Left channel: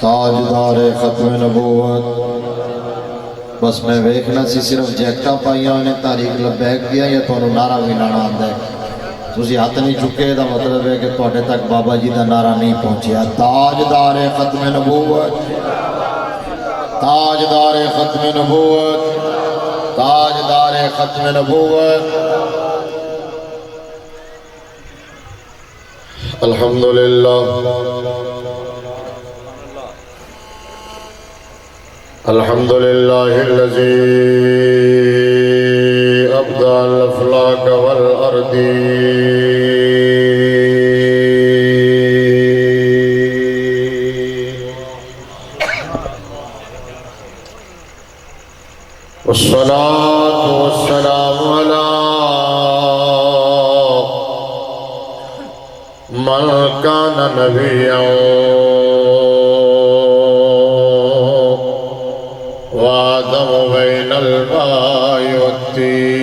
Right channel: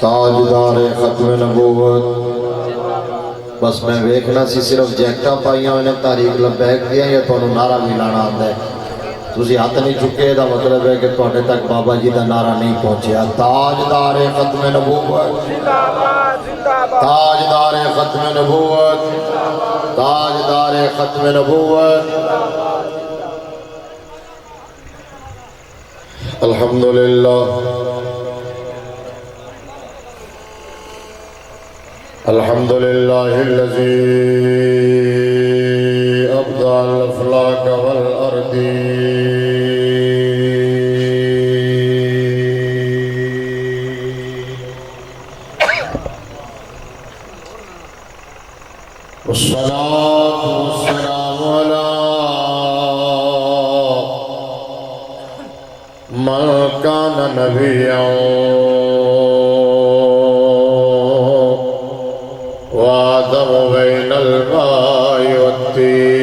تاجدار ختم نبوت بس میں ویکھنا سی صرف جیکٹاں پائیاں انہیں تاریخ لبیک دیا یا تو انہوں نعرہ بھی لانا آندہ ہے تسی ہاتھ نہیں چکے دا مطلب ہے کہ توڑے تک بابا جی دا نعرہ نہیں پہنچیا تاجدار ختم نبوت تاجدار ختم نبوت تاجدار ختم نبوت الحمدللہ الحمدللہ الذی ابدع الافلاک والارضی والصلاة والسلام على من كان نبيا وآدم بين الماء والتين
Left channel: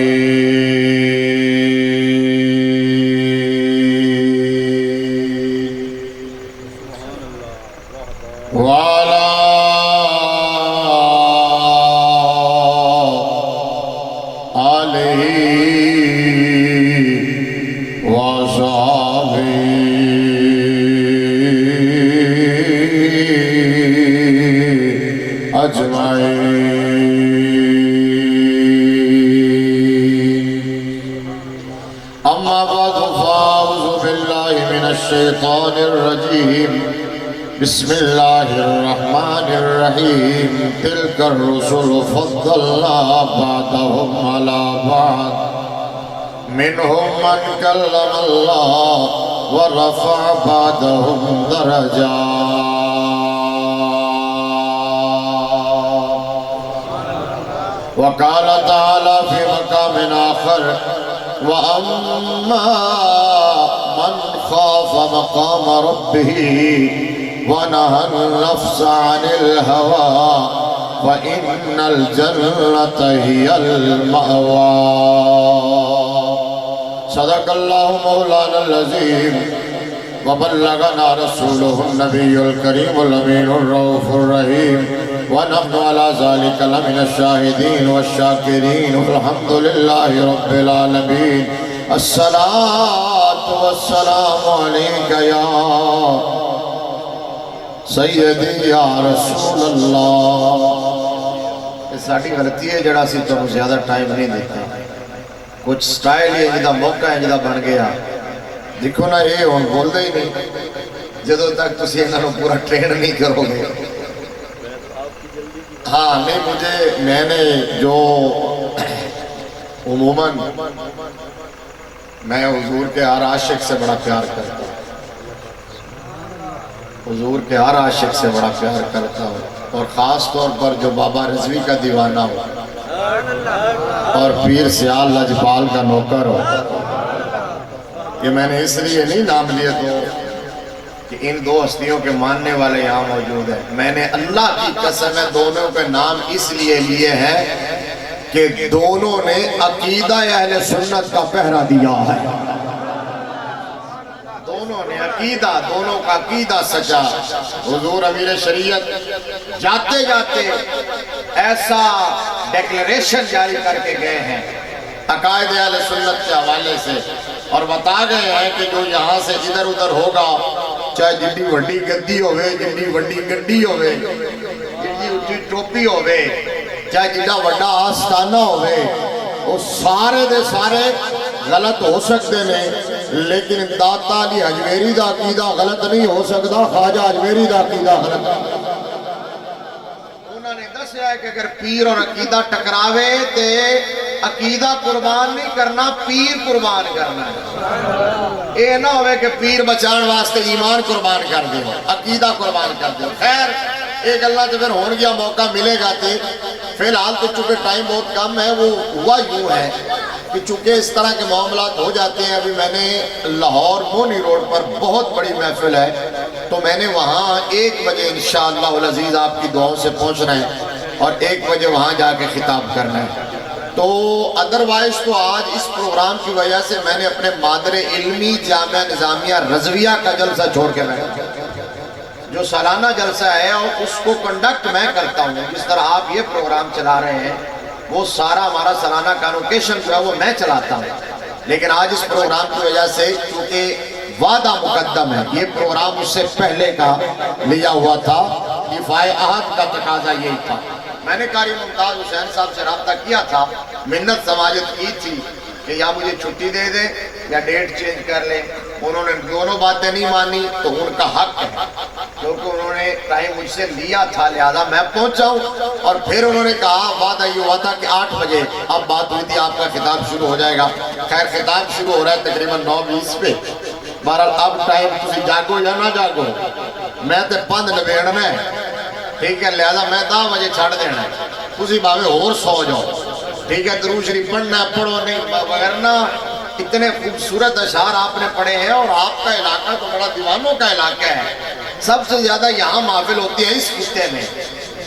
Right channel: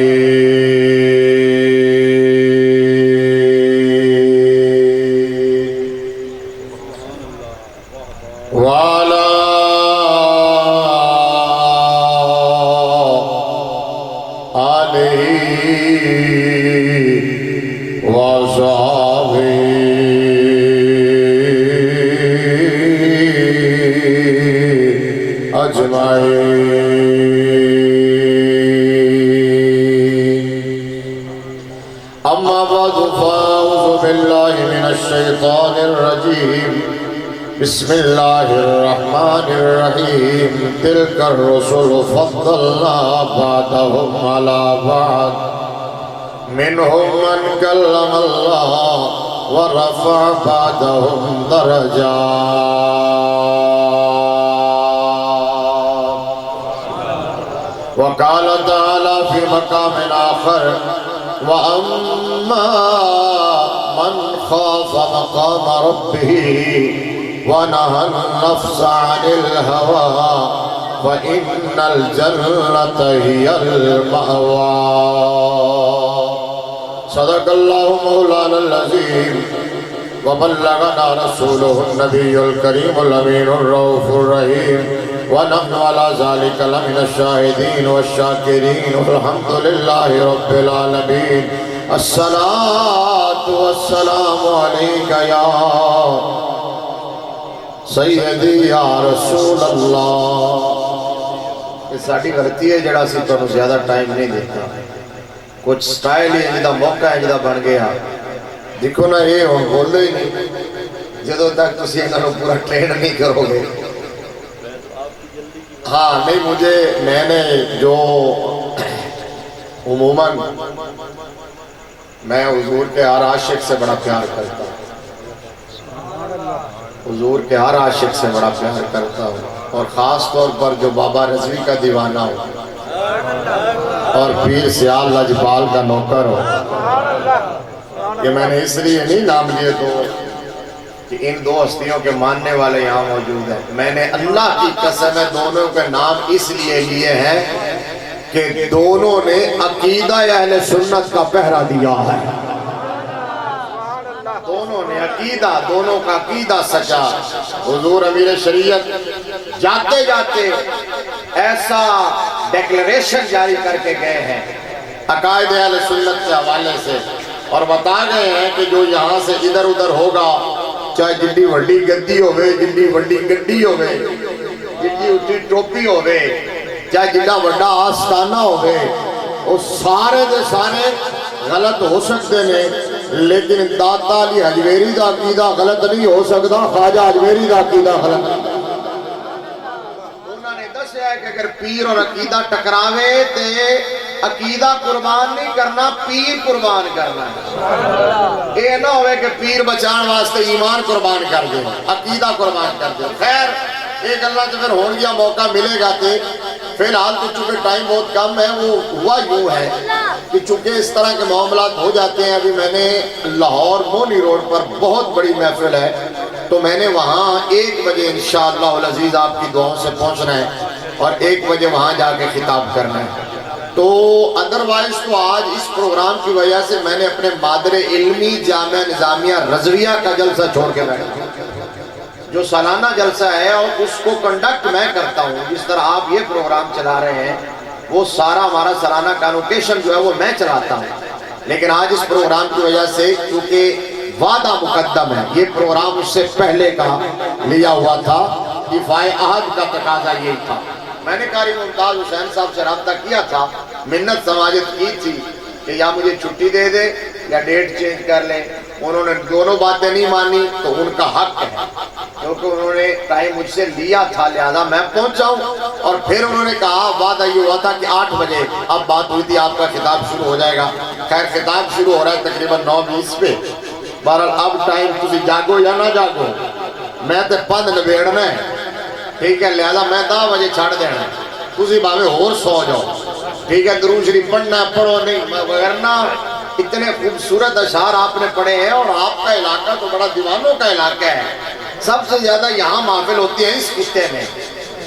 وعلى آله وصحبه أما بعد فأعوذ بالله من الشيطان الرجيم بسم الله الرحمن الرحيم تلك الرسل فضلنا بعضهم على بعض منهم من كلم الله ورفع بعضهم درجات وقال تعالى في مقام آخر وَأَمَّا مَنْ خَافَ مَقَامَ رَبِّهِ وَنَهَى النَّفْسَ عَنِ الْهَوَىٰ فَإِنَّ الْجَنَّةَ هِيَ الْمَأْوَىٰ صدق الله مولانا العظيم وبلغنا رسوله النبي الكريم الأمين الرؤوف الرحيم ونحن على ذلك لمن الشاهدين والشاكرين والحمد لله رب العالمين الصلاة والسلام عليك يا سیدی یا رسول اللہ یہ ساڑھی غلطی ہے جڑا سی تو زیادہ ٹائم نہیں دیتا کچھ سٹائل ہی جدہ موقع ہے جدہ بن گیا دیکھو نا یہ ہون بول دے ہی نہیں جدو تک تسی انہوں پورا ٹرین نہیں کرو گے ہاں نہیں مجھے میں نے جو عموماً میں حضور کے ہر عاشق سے بڑا پیار کرتا ہوں حضور کے ہر عاشق سے بڑا پیار کرتا ہوں اور خاص طور پر جو بابا رضوی کا دیوانہ ہو اور پیر سیال لجپال کا نوکر ہو کہ میں نے اس لیے نہیں نام لیے تو کہ ان دو ہستیوں کے ماننے والے یہاں موجود ہیں میں نے اللہ کی قسم ہے دونوں کے نام اس لیے لیے ہیں کہ دونوں نے عقیدہ اہل سنت کا پہرا دیا ہے دونوں نے عقیدہ دونوں کا عقیدہ سچا حضور امیر شریعت جاتے جاتے ایسا ڈیکلیریشن جاری کر کے گئے ہیں عقائد اہل سنت کے حوالے سے اور بتا گئے ہیں کہ جو یہاں سے ادھر ادھر ہوگا چاہے جنڈی وڈی گدی ہوئے جنڈی وڈی گڈی ہوئے جنڈی اٹھی ٹوپی ہوئے چاہے جنڈا وڈا آستانہ ہوئے وہ سارے دے سارے غلط ہو سکتے ہیں لیکن داتا علی حجویری دا عقیدہ غلط نہیں ہو سکتا خواجہ حجویری دا عقیدہ غلط انہوں نے دس ہے کہ اگر پیر اور عقیدہ ٹکراوے تے عقیدہ قربان نہیں کرنا پیر قربان کرنا ہے اے نہ ہوئے کہ پیر بچان واسطے ایمان قربان کر دیں عقیدہ قربان کر دیں خیر ایک اللہ جو پھر ہون گیا موقع ملے گا تے فی الحال تو چونکہ ٹائم بہت کم ہے وہ ہوا یوں ہے کہ چونکہ اس طرح کے معاملات ہو جاتے ہیں ابھی میں نے لاہور مونی روڈ پر بہت بڑی محفل ہے تو میں نے وہاں 1 بجے انشاءاللہ العزیز آپ کی دعاؤں سے پہنچنا ہے اور 1 بجے وہاں جا کے خطاب کرنا ہے تو ادروائز تو آج اس پروگرام کی وجہ سے میں نے اپنے مادر علمی جامعہ نظامیہ رضویہ کا جلسہ چھوڑ کے بیٹھا جو سالانہ جلسہ ہے اور اس کو کنڈکٹ میں کرتا ہوں، جس طرح آپ یہ پروگرام چلا رہے ہیں وہ سارا ہمارا سالانہ کانوکیشن جو ہے وہ میں چلاتا ہوں، لیکن آج اس پروگرام کی وجہ سے چونکہ وعدہ مقدم ہے، یہ پروگرام اس سے پہلے کا لیا ہوا تھا، دفاع عہد کا تقاضا یہی تھا۔ میں نے قاری ممتاز حسین صاحب سے رابطہ کیا تھا، منت سماجت کی تھی کہ یا مجھے چھٹی دے دیں یا ڈیٹ چینج کر لیں، انہوں نے دونوں باتیں نہیں مانی تو ان کا حق ہے، کیونکہ انہوں نے ٹائم مجھ سے لیا تھا لہذا میں پہنچا ہوں، اور پھر انہوں نے کہا وعدہ یہ ہوا تھا کہ 8 بجے اب بات ہوئی تھی آپ کا خطاب شروع ہو جائے گا۔ خیر خطاب شروع ہو رہا ہے تقریباً 9:20 پہ، بہرحال اب ٹائم تسی جاگو یا نہ جاگو، میں تے پند نبیڑنا ہے، ٹھیک ہے، لہذا میں 10 بجے چھاڑ دینا ہے، تسی باوے اور سو جاؤ، ٹھیک ہے، درود شریف پڑھنا پڑھو نہیں، ورنہ اتنے خوبصورت اشعار آپ نے پڑھے ہیں، اور آپ کا علاقہ تو بڑا دیوانوں کا علاقہ ہے، سب سے زیادہ یہاں محفل ہوتی ہے اس خطے میں،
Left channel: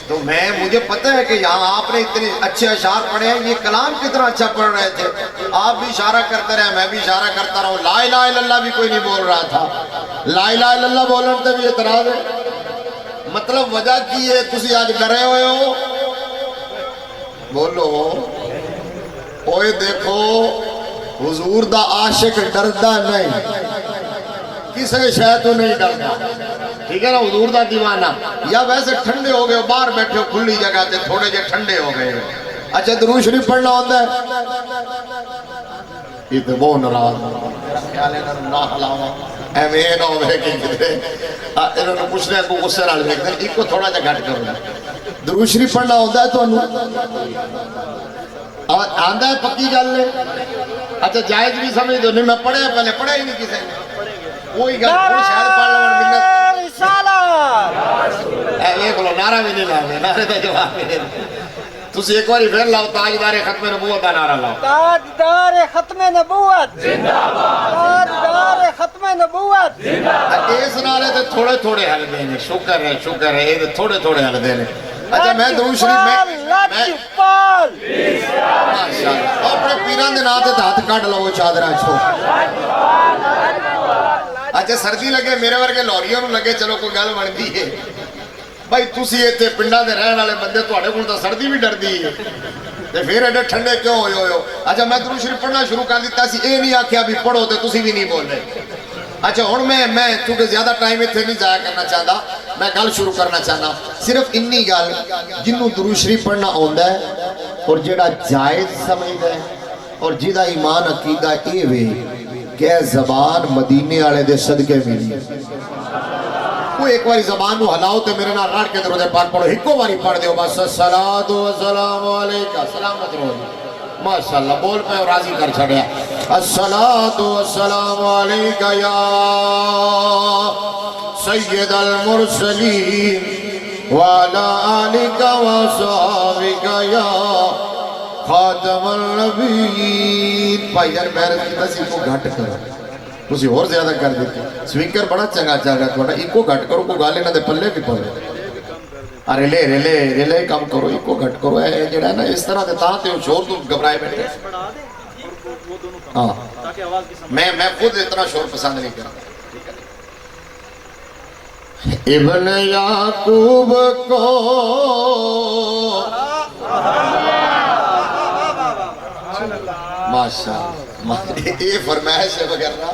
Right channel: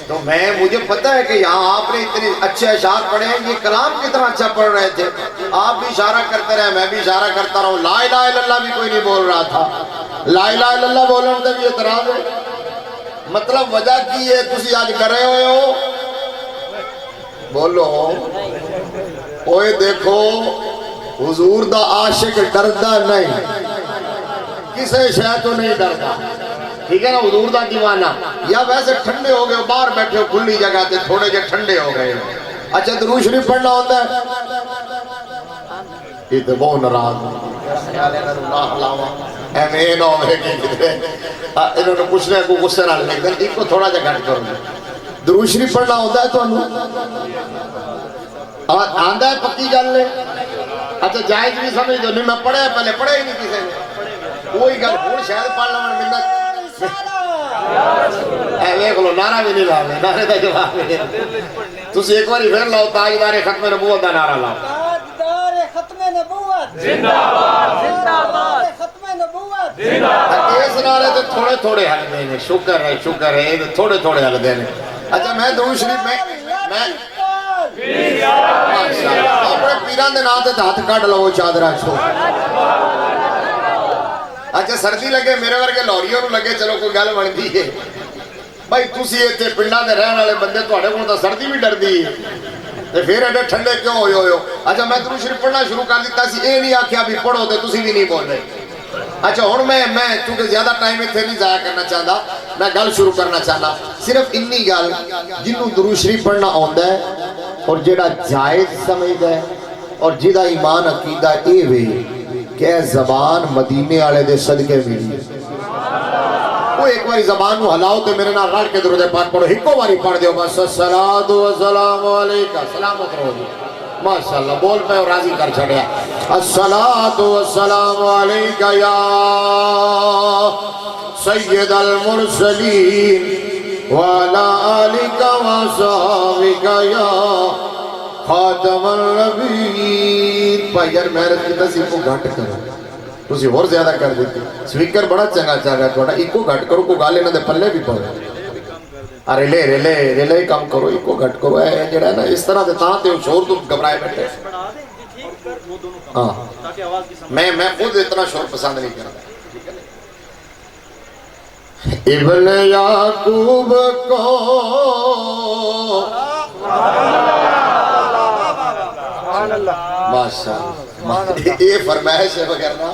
تو مجھے پتہ ہے کہ یہاں آپ نے اتنے اچھے اشعار پڑھے ہیں، یہ کلام کتنا اچھا پڑھ رہے تھے، آپ بھی اشارہ کرتے رہے، میں بھی اشارہ کرتا رہا ہوں، لا الہ الا اللہ بھی کوئی نہیں بول رہا تھا، لا الہ الا اللہ بولنے سے بھی اعتراض ہے، مطلب وجہ کی ہے تسی آج کرے ہوئے ہو، بولو، اوئے دیکھو حضور دا عاشق ڈردا نہیں، کسے شے تو نہیں ڈردا، ٹھیک ہے نا، حضور دا دیوانہ، یا ویسے ٹھنڈے ہو گئے باہر بیٹھے ہو کھلی جگہ تے تھوڑے جے ٹھنڈے ہو گئے ہو، اچھا درود شریف پڑھنا ہوتا ہے، یہ تو وہ ناراض ایویں نہ ہوئے کہ انہوں نے پوچھنے کو غصے نال لکھ ایک کو تھوڑا جا گھٹ کروں، درود شریف پڑھنا ہوتا ہے تو آندہ ہے پکی گل ہے، اچھا جائز بھی سمجھ دو، نہیں میں پڑھے پہلے پڑھے ہی نہیں کسی نے، کوئی گل کوئی شاید پڑھ لوں منت اے لو نعرہ بھی نہیں لاؤ، نعرے دا جواب نہیں، تسی ایک باری پھر لاؤ تاجدار ختم نبوت دا نعرہ لاؤ، تاجدار ختم نبوت زندہ باد، تاجدار ختم نبوت زندہ باد، اس نعرے تے تھوڑے تھوڑے حل دینے، شکر ہے یہ تھوڑے تھوڑے حل دینے، اچھا میں درود شریف میں ماشاءاللہ اپنے پیران دے نام تے ہاتھ کٹ لو چادرہ چھو، اچھا سردی لگے میرے ورگے لوریوں نو لگے چلو کوئی گل بندی ہے، بھائی تسی ایتھے پنڈاں دے رہن والے بندے تواڈے کول تاں سردی بھی ڈردی ہے تے پھر ایڈے ٹھنڈے کیوں ہوئے ہو، اچھا میں درود شریف پڑھنا شروع کر دیتا سی، اے نہیں آکھیا بھی پڑھو تے تسی بھی نہیں بول رہے، اچھا ہن میں چونکہ زیادہ ٹائم ایتھے نہیں ضائع کرنا چاہتا، میں گل شروع کرنا چاہتا، صرف انی گل جنوں درود شریف پڑھنا آندا ہے اور جڑا جائز سمجھدا ہے اور جہدا ایمان عقیدہ اے وے کہ زبان مدینے والے دے صدقے ملی، وہ ایک باری زبان کو ہلاؤ تے میرے نال رڑ کے درود پاک پڑھو، ایکو باری پڑھ دیو بس، الصلاۃ والسلام علیکہ، سلامت رہو ماشاءاللہ، بول پہ اور راضی کر چھڑیا، الصلاۃ والسلام علیکہ یا سید المرسلین وعلا آلکہ وصحابکہ یا خاتم النبیین۔ بھائی یار محرت کی نصیب کو گھٹ کرو، تسی اور زیادہ کر دیتے، سپیکر بڑا چنگا چاہ گا تھوڑا، ایک کو گھٹ کرو، کوئی گالے نہ دے پلے بھی پڑھ ریلے کام کرو، ایک کو گھٹ کرو، ہے جڑا ہے نا اس طرح دیتا ہاں تے شور تو گھبرائے بیٹھے، ہاں میں خود اتنا شور پسند نہیں کرتا۔ ابن یعقوب کو ماشاءاللہ یہ فرمائش ہے وغیرہ،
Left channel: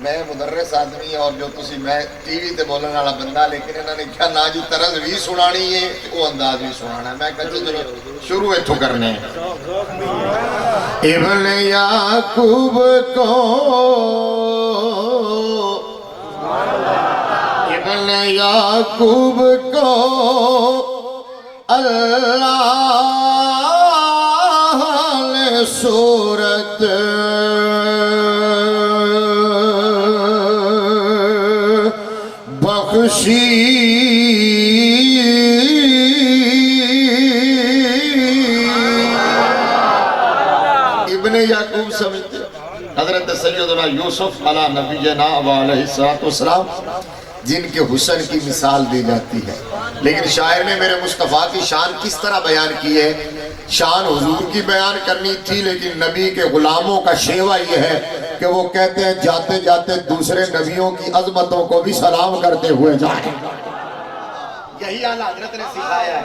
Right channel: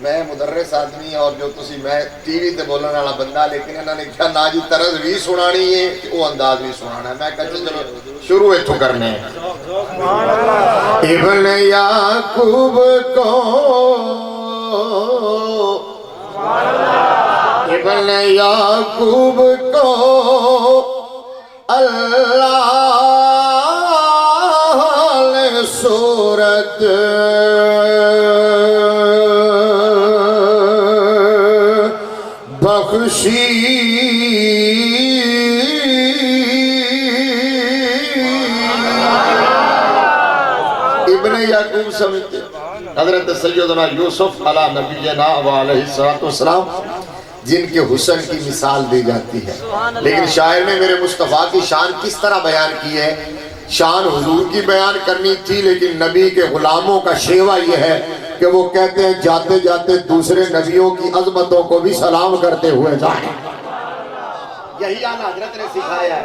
میں مدرس آدمی اور جو تسی میں ٹی وی تے بولنے والا بندہ، لیکن انہوں نے کیا نا جی طرز بھی سنانی ہے وہ انداز بھی سنانا ہے، میں کہتا چلو شروع اتھو کرنے ہیں۔ ابن یعقوب کو ابن یعقوب کو اللہ نے صورت بخشی، ابن یعقوب سمجھتے حضرت سیدنا یوسف علیہ نبینا علیہ السلام جن کے حسن کی مثال دی جاتی ہے، لیکن شاعر نے میرے مصطفیٰ کی شان کس طرح بیان کی ہے، شان حضور کی بیان کرنی تھی، لیکن نبی کے غلاموں کا شیوہ یہ ہے کہ وہ کہتے ہیں جاتے جاتے دوسرے نبیوں کی عظمتوں کو بھی سلام کرتے ہوئے جائیں. یہی اعلیٰ حضرت نے سکھایا ہے.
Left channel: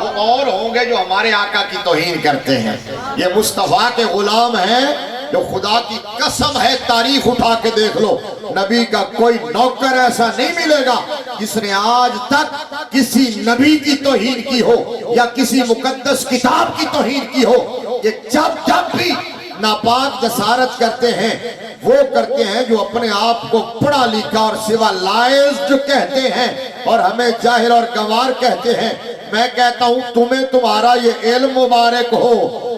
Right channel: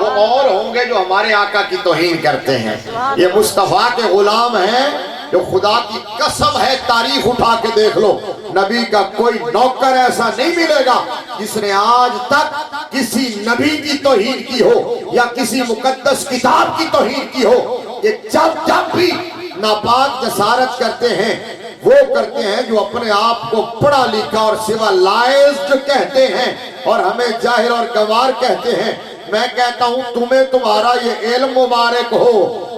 وہ اور ہوں گے جو ہمارے آقا کی توہین کرتے ہیں. یہ مصطفیٰ کے غلام ہیں جو خدا کی قسم ہے تاریخ اٹھا کے دیکھ لو نبی کا کوئی نوکر ایسا نہیں ملے گا جس نے آج تک کسی نبی کی توہین کی ہو یا کسی مقدس کتاب کی توہین کی ہو. یہ جب بھی ناپاک جسارت کرتے ہیں وہ کرتے ہیں جو اپنے آپ کو پڑھا لکھا اور سوا لائز جو کہتے ہیں اور ہمیں جاہل اور گوار کہتے ہیں. میں کہتا ہوں تمہیں تمہارا یہ علم مبارک ہو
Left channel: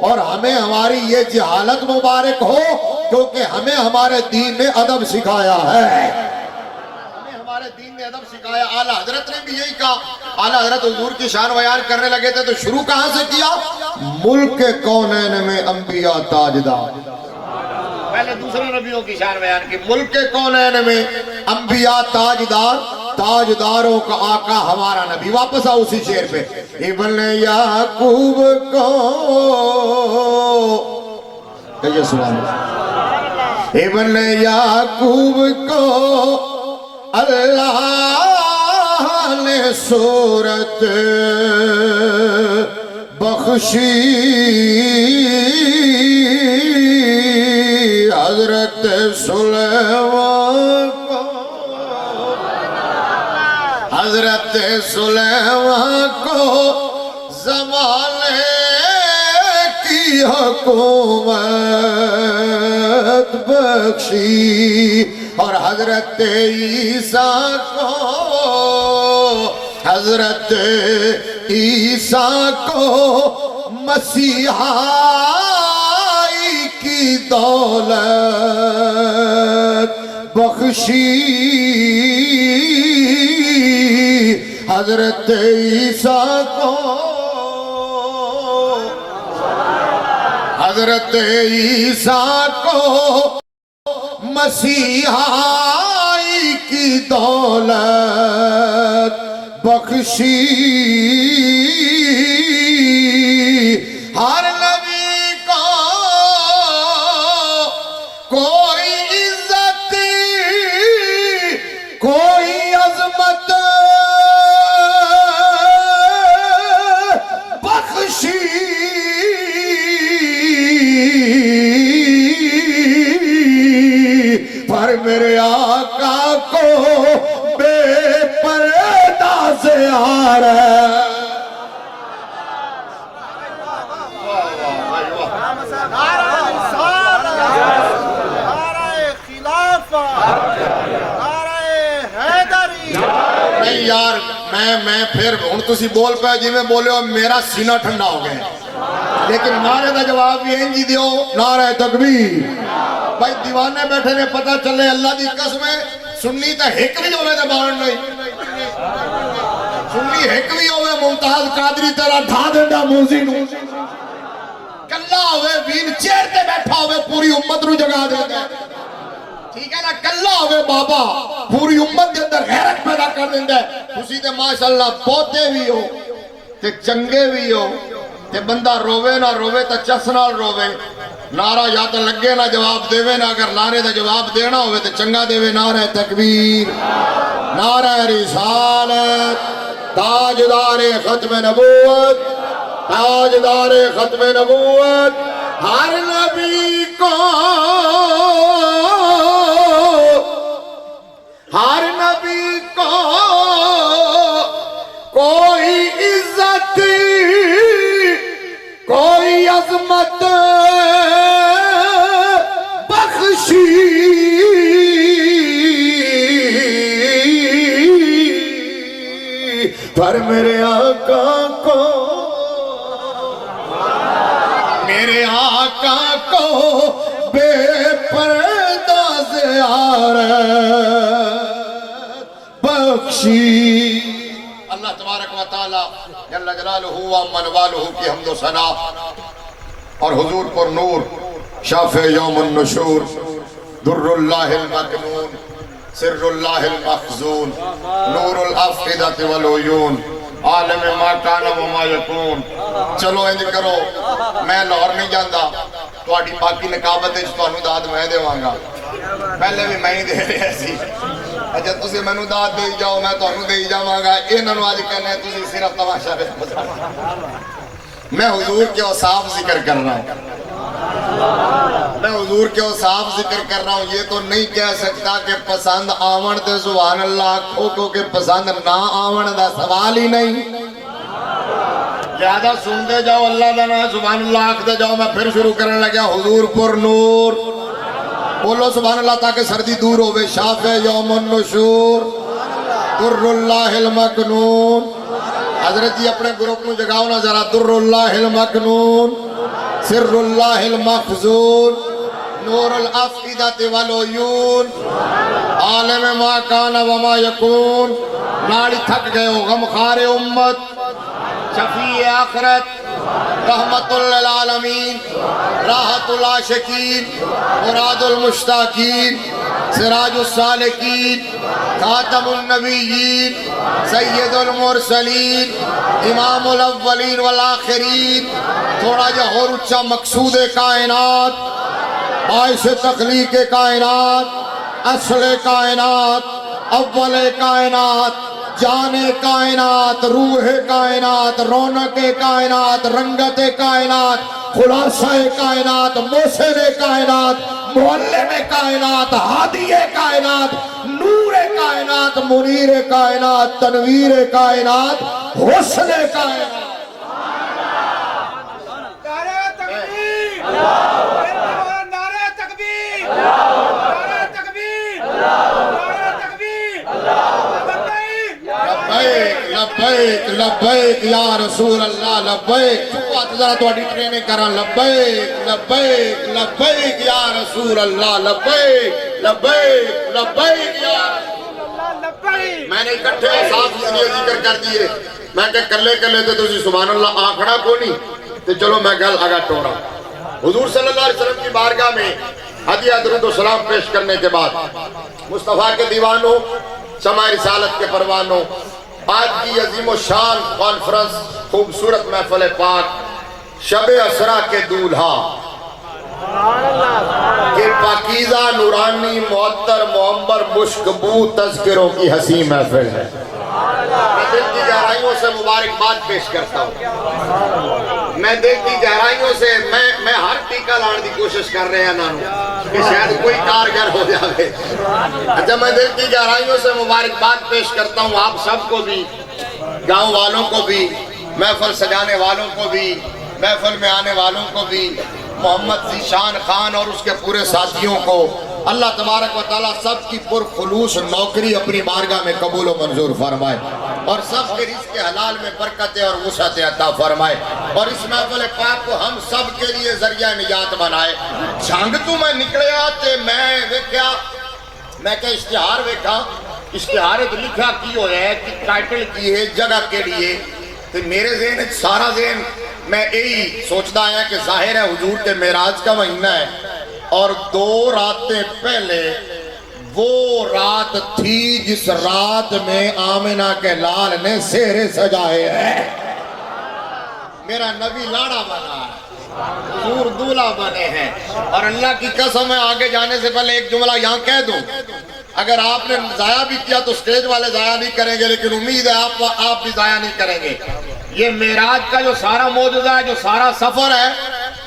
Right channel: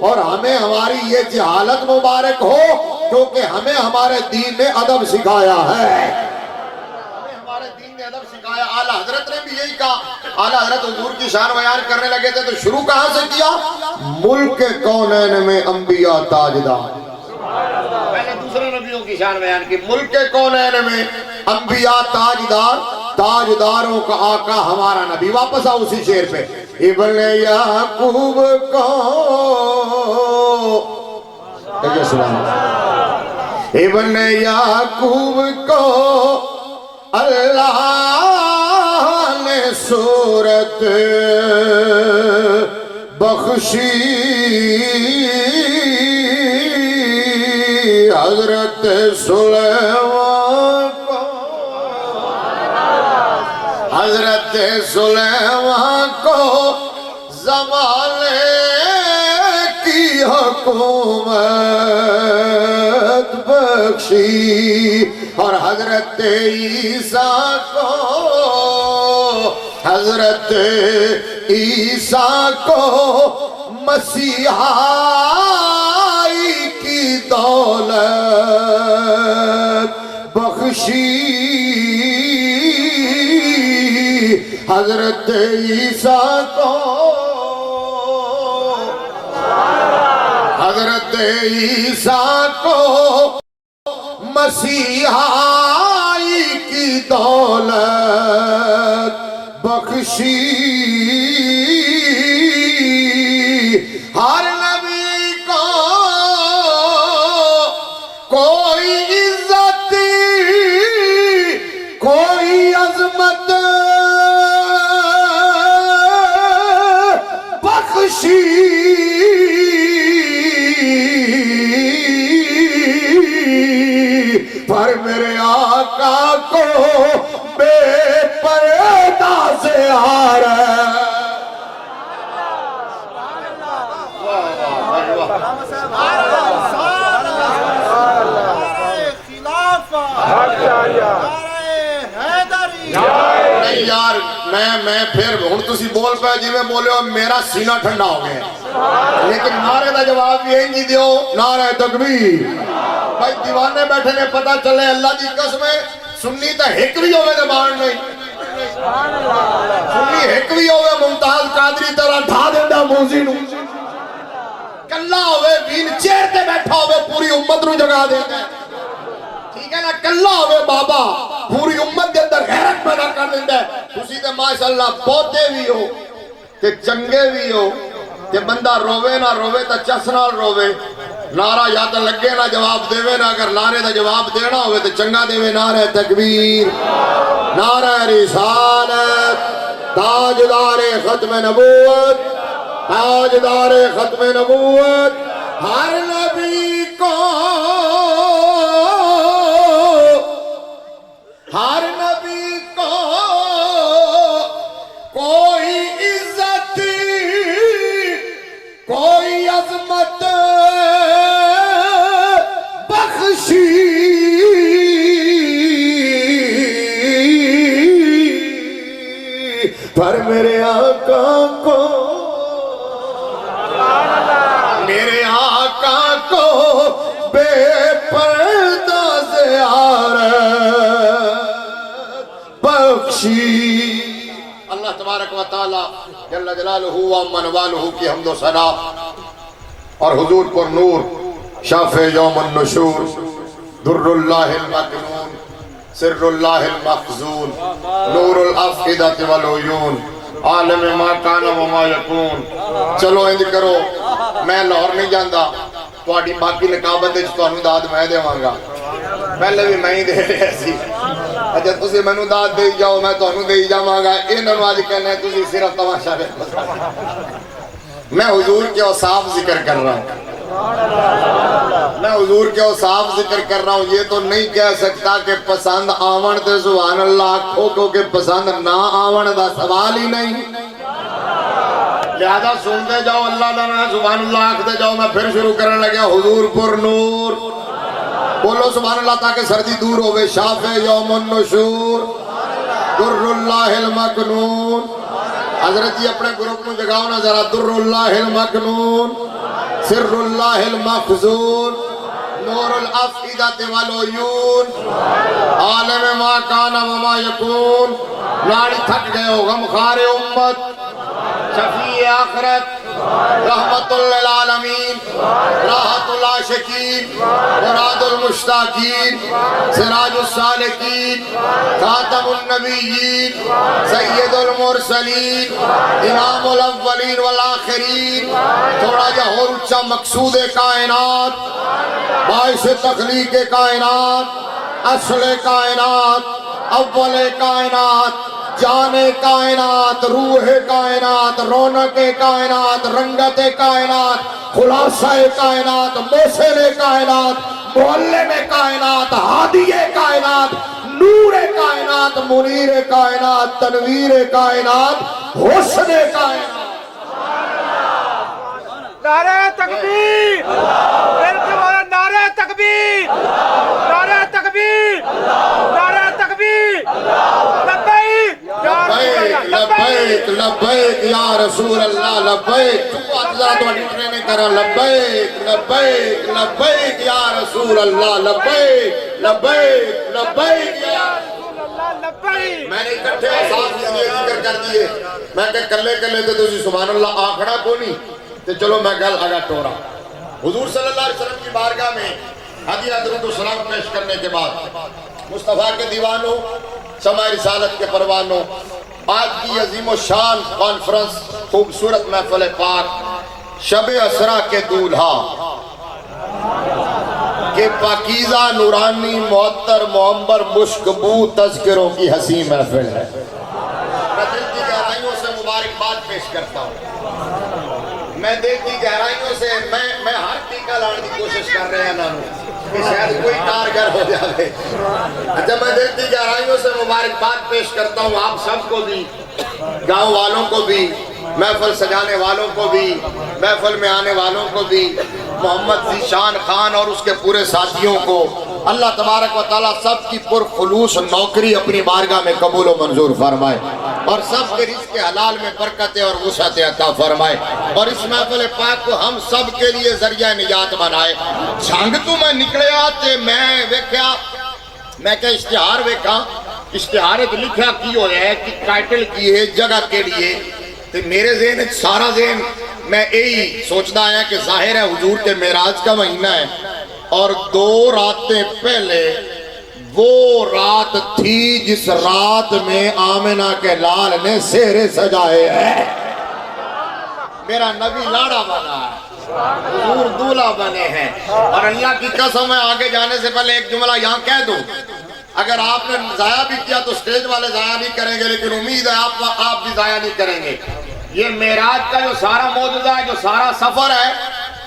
اور ہمیں ہماری یہ جہالت مبارک ہو کیونکہ ہمیں ہمارے دین نے ادب سکھایا ہے. ہمیں ہمارے دین نے ادب سکھایا. اعلیٰ حضرت نے بھی یہی کہا. اعلیٰ حضرت حضور کی شان بیان کرنے لگے تھے تو شروع کہاں سے کیا؟ ملک کونین میں انبیاء تاجدار. پہلے دوسرے نبیوں کی شان بیان کی. ملک کونین میں انبیاء تاجدار. تاجداروں کا آقا ہمارا نبی. واپس آؤ اسی شعر پہ. ابن یعقوب کو کہیے سبحان اللہ. ابن یعقوب کو اللہ نے صورت بخشی حضرت سلیمان کو. حضرت سلیمان کو زمانے کی حکومت بخشی اور حضرت عیسیٰ کو حضرت عیسیٰ کو مسیحائی کی دولت بخشی. حضرت عیسیٰ کو حضرت عیسیٰ کو مسیحائی کی دولت بخشی. ہر نبی کو کوئی عزت کوئی عظمت بخشی. پر میرے آقا کو بے پردہ سے آ رہا ہے. نہیں یار میں پھر ہوں تسی بول پائے جی میں بولے ہو میرا سینہ ٹھنڈا ہو گیا لیکن نعرے دا جواب بھی ہیں جی دیو نعرہ تکبیر. بھائی دیوانے بیٹھے میں پتہ چلے اللہ دی قسم ہے سنی تا ہک بھی ہوئے دے بان نہیں سنی ہک بھی ہوئے ممتاز قادری طرح ڈھا دیندہ موزی نو کلہ ہوئے وین چیر تے بیٹھا ہوئے پوری امت نو جگا دیندہ ٹھیک ہے نا. کلہ ہوئے بابا پوری امت دے اندر غیرت پیدا کر دیندہ ہے. اسی تے ماشاءاللہ بہتے بھی ہو کہ چنگے بھی ہو کہ بندہ روے نہ روے تا چسنا روے. نعرہ یا تو لگے نہ جواب دے نا اگر نعرے دا جواب دینا ہوئے تو چنگا دے نعرہ تکبیر نعرہ رسالت تاجدار ختم نبوت تاجدار ختم نبوت. ہر نبی کو ہر نبی کو کوئی عزت کوئی عظمت بخشی. پر میرے آقا کو میرے آقا کو بے پردہ زیارت بخشی. اللہ تبارک و تعالی جل جلالہ و منوالہ کی حمد و ثنا اور حضور پر نور شافع یوم النشور در اللہ المکنون سر اللہ المخزون نور الافئدۃ والعیون عالم ما کان و ما یکون. چلو انج کرو میں لاہور نہیں جاندا تہاڈی باقی نقابت وچ تانوں داد میں دیواں گا پہلے بھی میں ہی دے رہے سی اچھا تسی مینوں داد دے جاؤ میں تانوں دے جاواں گا انہاں نوں اج کہنا تسی صرف تماشا دیکھو میں حضور کے اوصاف ذکر کر رہا ہوں میں حضور کے اوصاف ذکر کر رہا ہوں یہ تو نہیں کہہ سکتا کہ پسند آون تے سبحان اللہ آکھو کیونکہ پسند نہ آون دا سوال ہی نہیں زیادہ سنتے جاؤ اللہ دا نام سبحان اللہ آکھتے جاؤ میں پھر شروع کرنے لگا حضور پر نور بولو سبحان اللہ تاکہ سردی دور ہوئے شافع یوم النشور در اللہ المکنون حضرت جی اپنے گروپ میں جگاؤ نا ذرا در اللہ المکنون سر اللہ المخزون نور الافئدۃ والعیون عالم ما کان وما یکون ناڑی تھک گئے ہو غمخار امت شفیع آخرت رحمت للعالمین راحت العاشقین مراد المشتاقین سراج السالکین خاتم النبیین سید المرسلین امام الاولین والآخرین تھوڑا جا اور اچھا مقصود کائنات باعث تخلیق کائنات اصل کائنات اول کائنات جان کائنات روح کائنات رونق کائنات رنگت کائنات خلاصہ کائنات موسر کائنات معلم کائنات ہادی کائنات نور کائنات منیر کائنات تنویر کائنات حسن کائنات نعرہ تکبیر نعرہ تکبیر نعرہ تکبیر نعرہ تکبیر لبیک لبیک یا رسول اللہ لبیک تو اتلا تو اڈی ٹریننگ کرا لبیک لبیک لبیک یا رسول اللہ لبیک لبیک لبیک یا رسول اللہ لبیک میں نے اکٹھے صاحب اس لیے ذکر کر دیئے میں کہ کلے کلے تے تجھے سبحان اللہ آکھڑا کو نہیں تو چلو میں گل آگا ٹورا حضور صلی اللہ علیہ وسلم کی بارگاہ میں ہدیہ درود و سلام پیش کرنے کے بعد مصطفیٰ کے دیوانوں سماع رسالت کے پروانوں آج کی عظیم و شان کانفرنس خوبصورت محفل پاک شب اسرا کے دولہا کہ پاکیزہ نورانی معطر معمر مشکبو تذکروں کی حسین محفل ہے میں دل کی گہرائیوں سے مبارکباد پیش کرتا ہوں میں دل کی گہرائیوں سے میں ہر ٹیکہ لانے کی کوشش کر رہے ہیں نانو کہ شاید کوئی کارگر ہو جائے اچھا میں دل کی گہرائیوں سے مبارکباد پیش کرتا ہوں آپ سب کو بھی گاؤں والوں کو بھی محفل سجانے والوں کو بھی محفل میں آنے والوں کو بھی محمد ذیشان خان اور اس کے پورے ساتھیوں کو اللہ تبارک و تعالیٰ سب کی پرخلوص نوکری اپنی بارگاہ میں قبول و منظور فرمائے اور سب کے رزق حلال میں برکتیں اور وسعتیں عطا فرمائے اور اس محفل پاک کو ہم سب کے لیے ذریعہ نجات بنائے جھنگ تو میں نکلے آتے میں ویکھیا میں کہ اشتہار ویکھا اشتہار لکھا کی ہو ہے کہ ٹائٹل کی ہے جگہ کے لیے تو میرے ذہن سارا ذہن میں یہی سوچتا آیا کہ ظاہر ہے حضور کے معراج کا مہینہ ہے اور 2 راتیں پہلے وہ رات تھی جس رات میں آمنہ کے لال نے سہرے سجائے ہیں میرا نبی لاڑا بنا ہے حضور دولہ بنے ہیں اور اللہ کی قسم ہے آگے جانے سے پہلے ایک جملہ یہاں کہہ دوں اگر آپ نے ضائع بھی کیا تو سٹیج والے ضائع نہیں کریں گے لیکن امید ہے آپ بھی ضائع نہیں کریں گے یہ معراج کا جو سارا موجودہ ہے جو سارا سفر ہے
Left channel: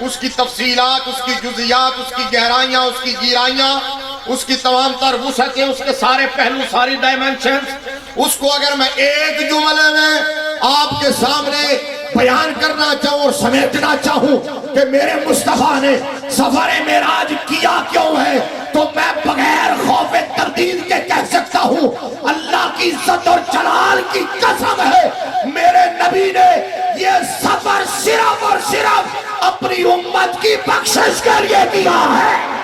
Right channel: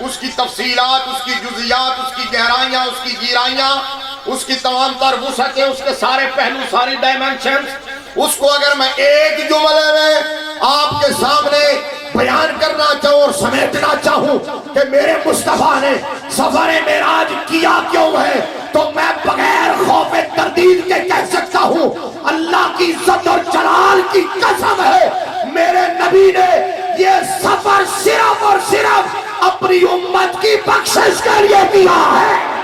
اس کی تفصیلات اس کی جزیات اس کی گہرائیاں اس کی گیرائیاں اس کی تمام تر وسعتیں اس کے سارے پہلو ساری ڈائمنشنز اس کو اگر میں ایک جملے میں آپ کے سامنے بیان کرنا چاہوں اور سمیٹنا چاہوں کہ میرے مصطفیٰ نے سفر معراج کیا کیوں ہے تو میں بغیر خوف تردید کے کہہ سکتا ہوں اللہ کی عزت اور جلال کی قسم ہے میرے نبی نے یہ سفر صرف اور صرف اپنی امت کی بخشش کے لیے کیا ہے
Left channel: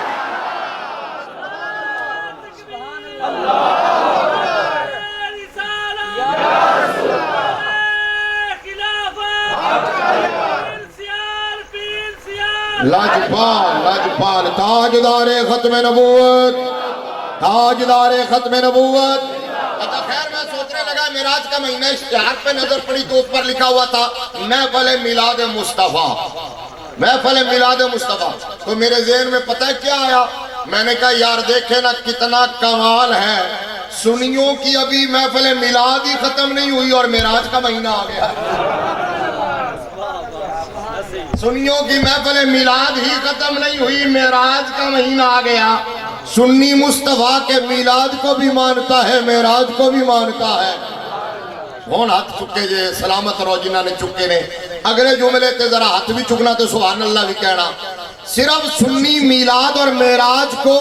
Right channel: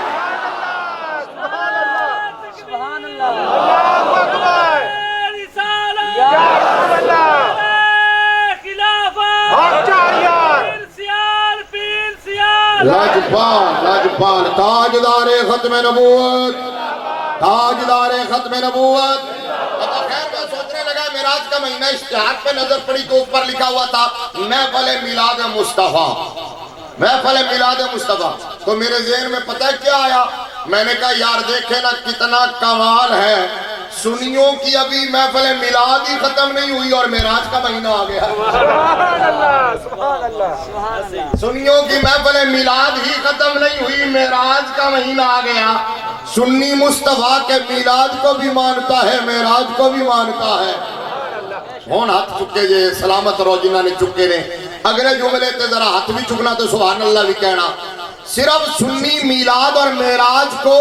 لاجپال تاجدار ختم نبوت تاجدار ختم نبوت خیر میں سوچنے لگا معراج کا مہینہ اشتہار پہ نظر پڑی تو اوپر لکھا ہوا تھا محفل میلاد مصطفیٰ محفل میلاد مصطفیٰ تو میرے ذہن میں پتہ ہے کیا آیا میں نے کہا یار دیکھے نا کتنا کمال ہے، سنیوں کی ابھی محفل میلاد ہی ختم نہیں ہوئی اور معراج کا مہینہ آ گیا۔ سنیوں کی محفل میلاد ہی ختم نہیں ہوئی، معراج کا مہینہ آ گیا۔ سنی مصطفیٰ کے میلاد کو بھی مانتا ہے، معراج کو بھی مانتا ہے۔ ہون ہاتھ چکے جے سلامت رو جنہاں نے چکے نے، اگلے جملے تے ذرا ہاتھ بھی چکنا تو سبحان اللہ بھی کہنا۔ صرف سنی میلاد اور معراج کو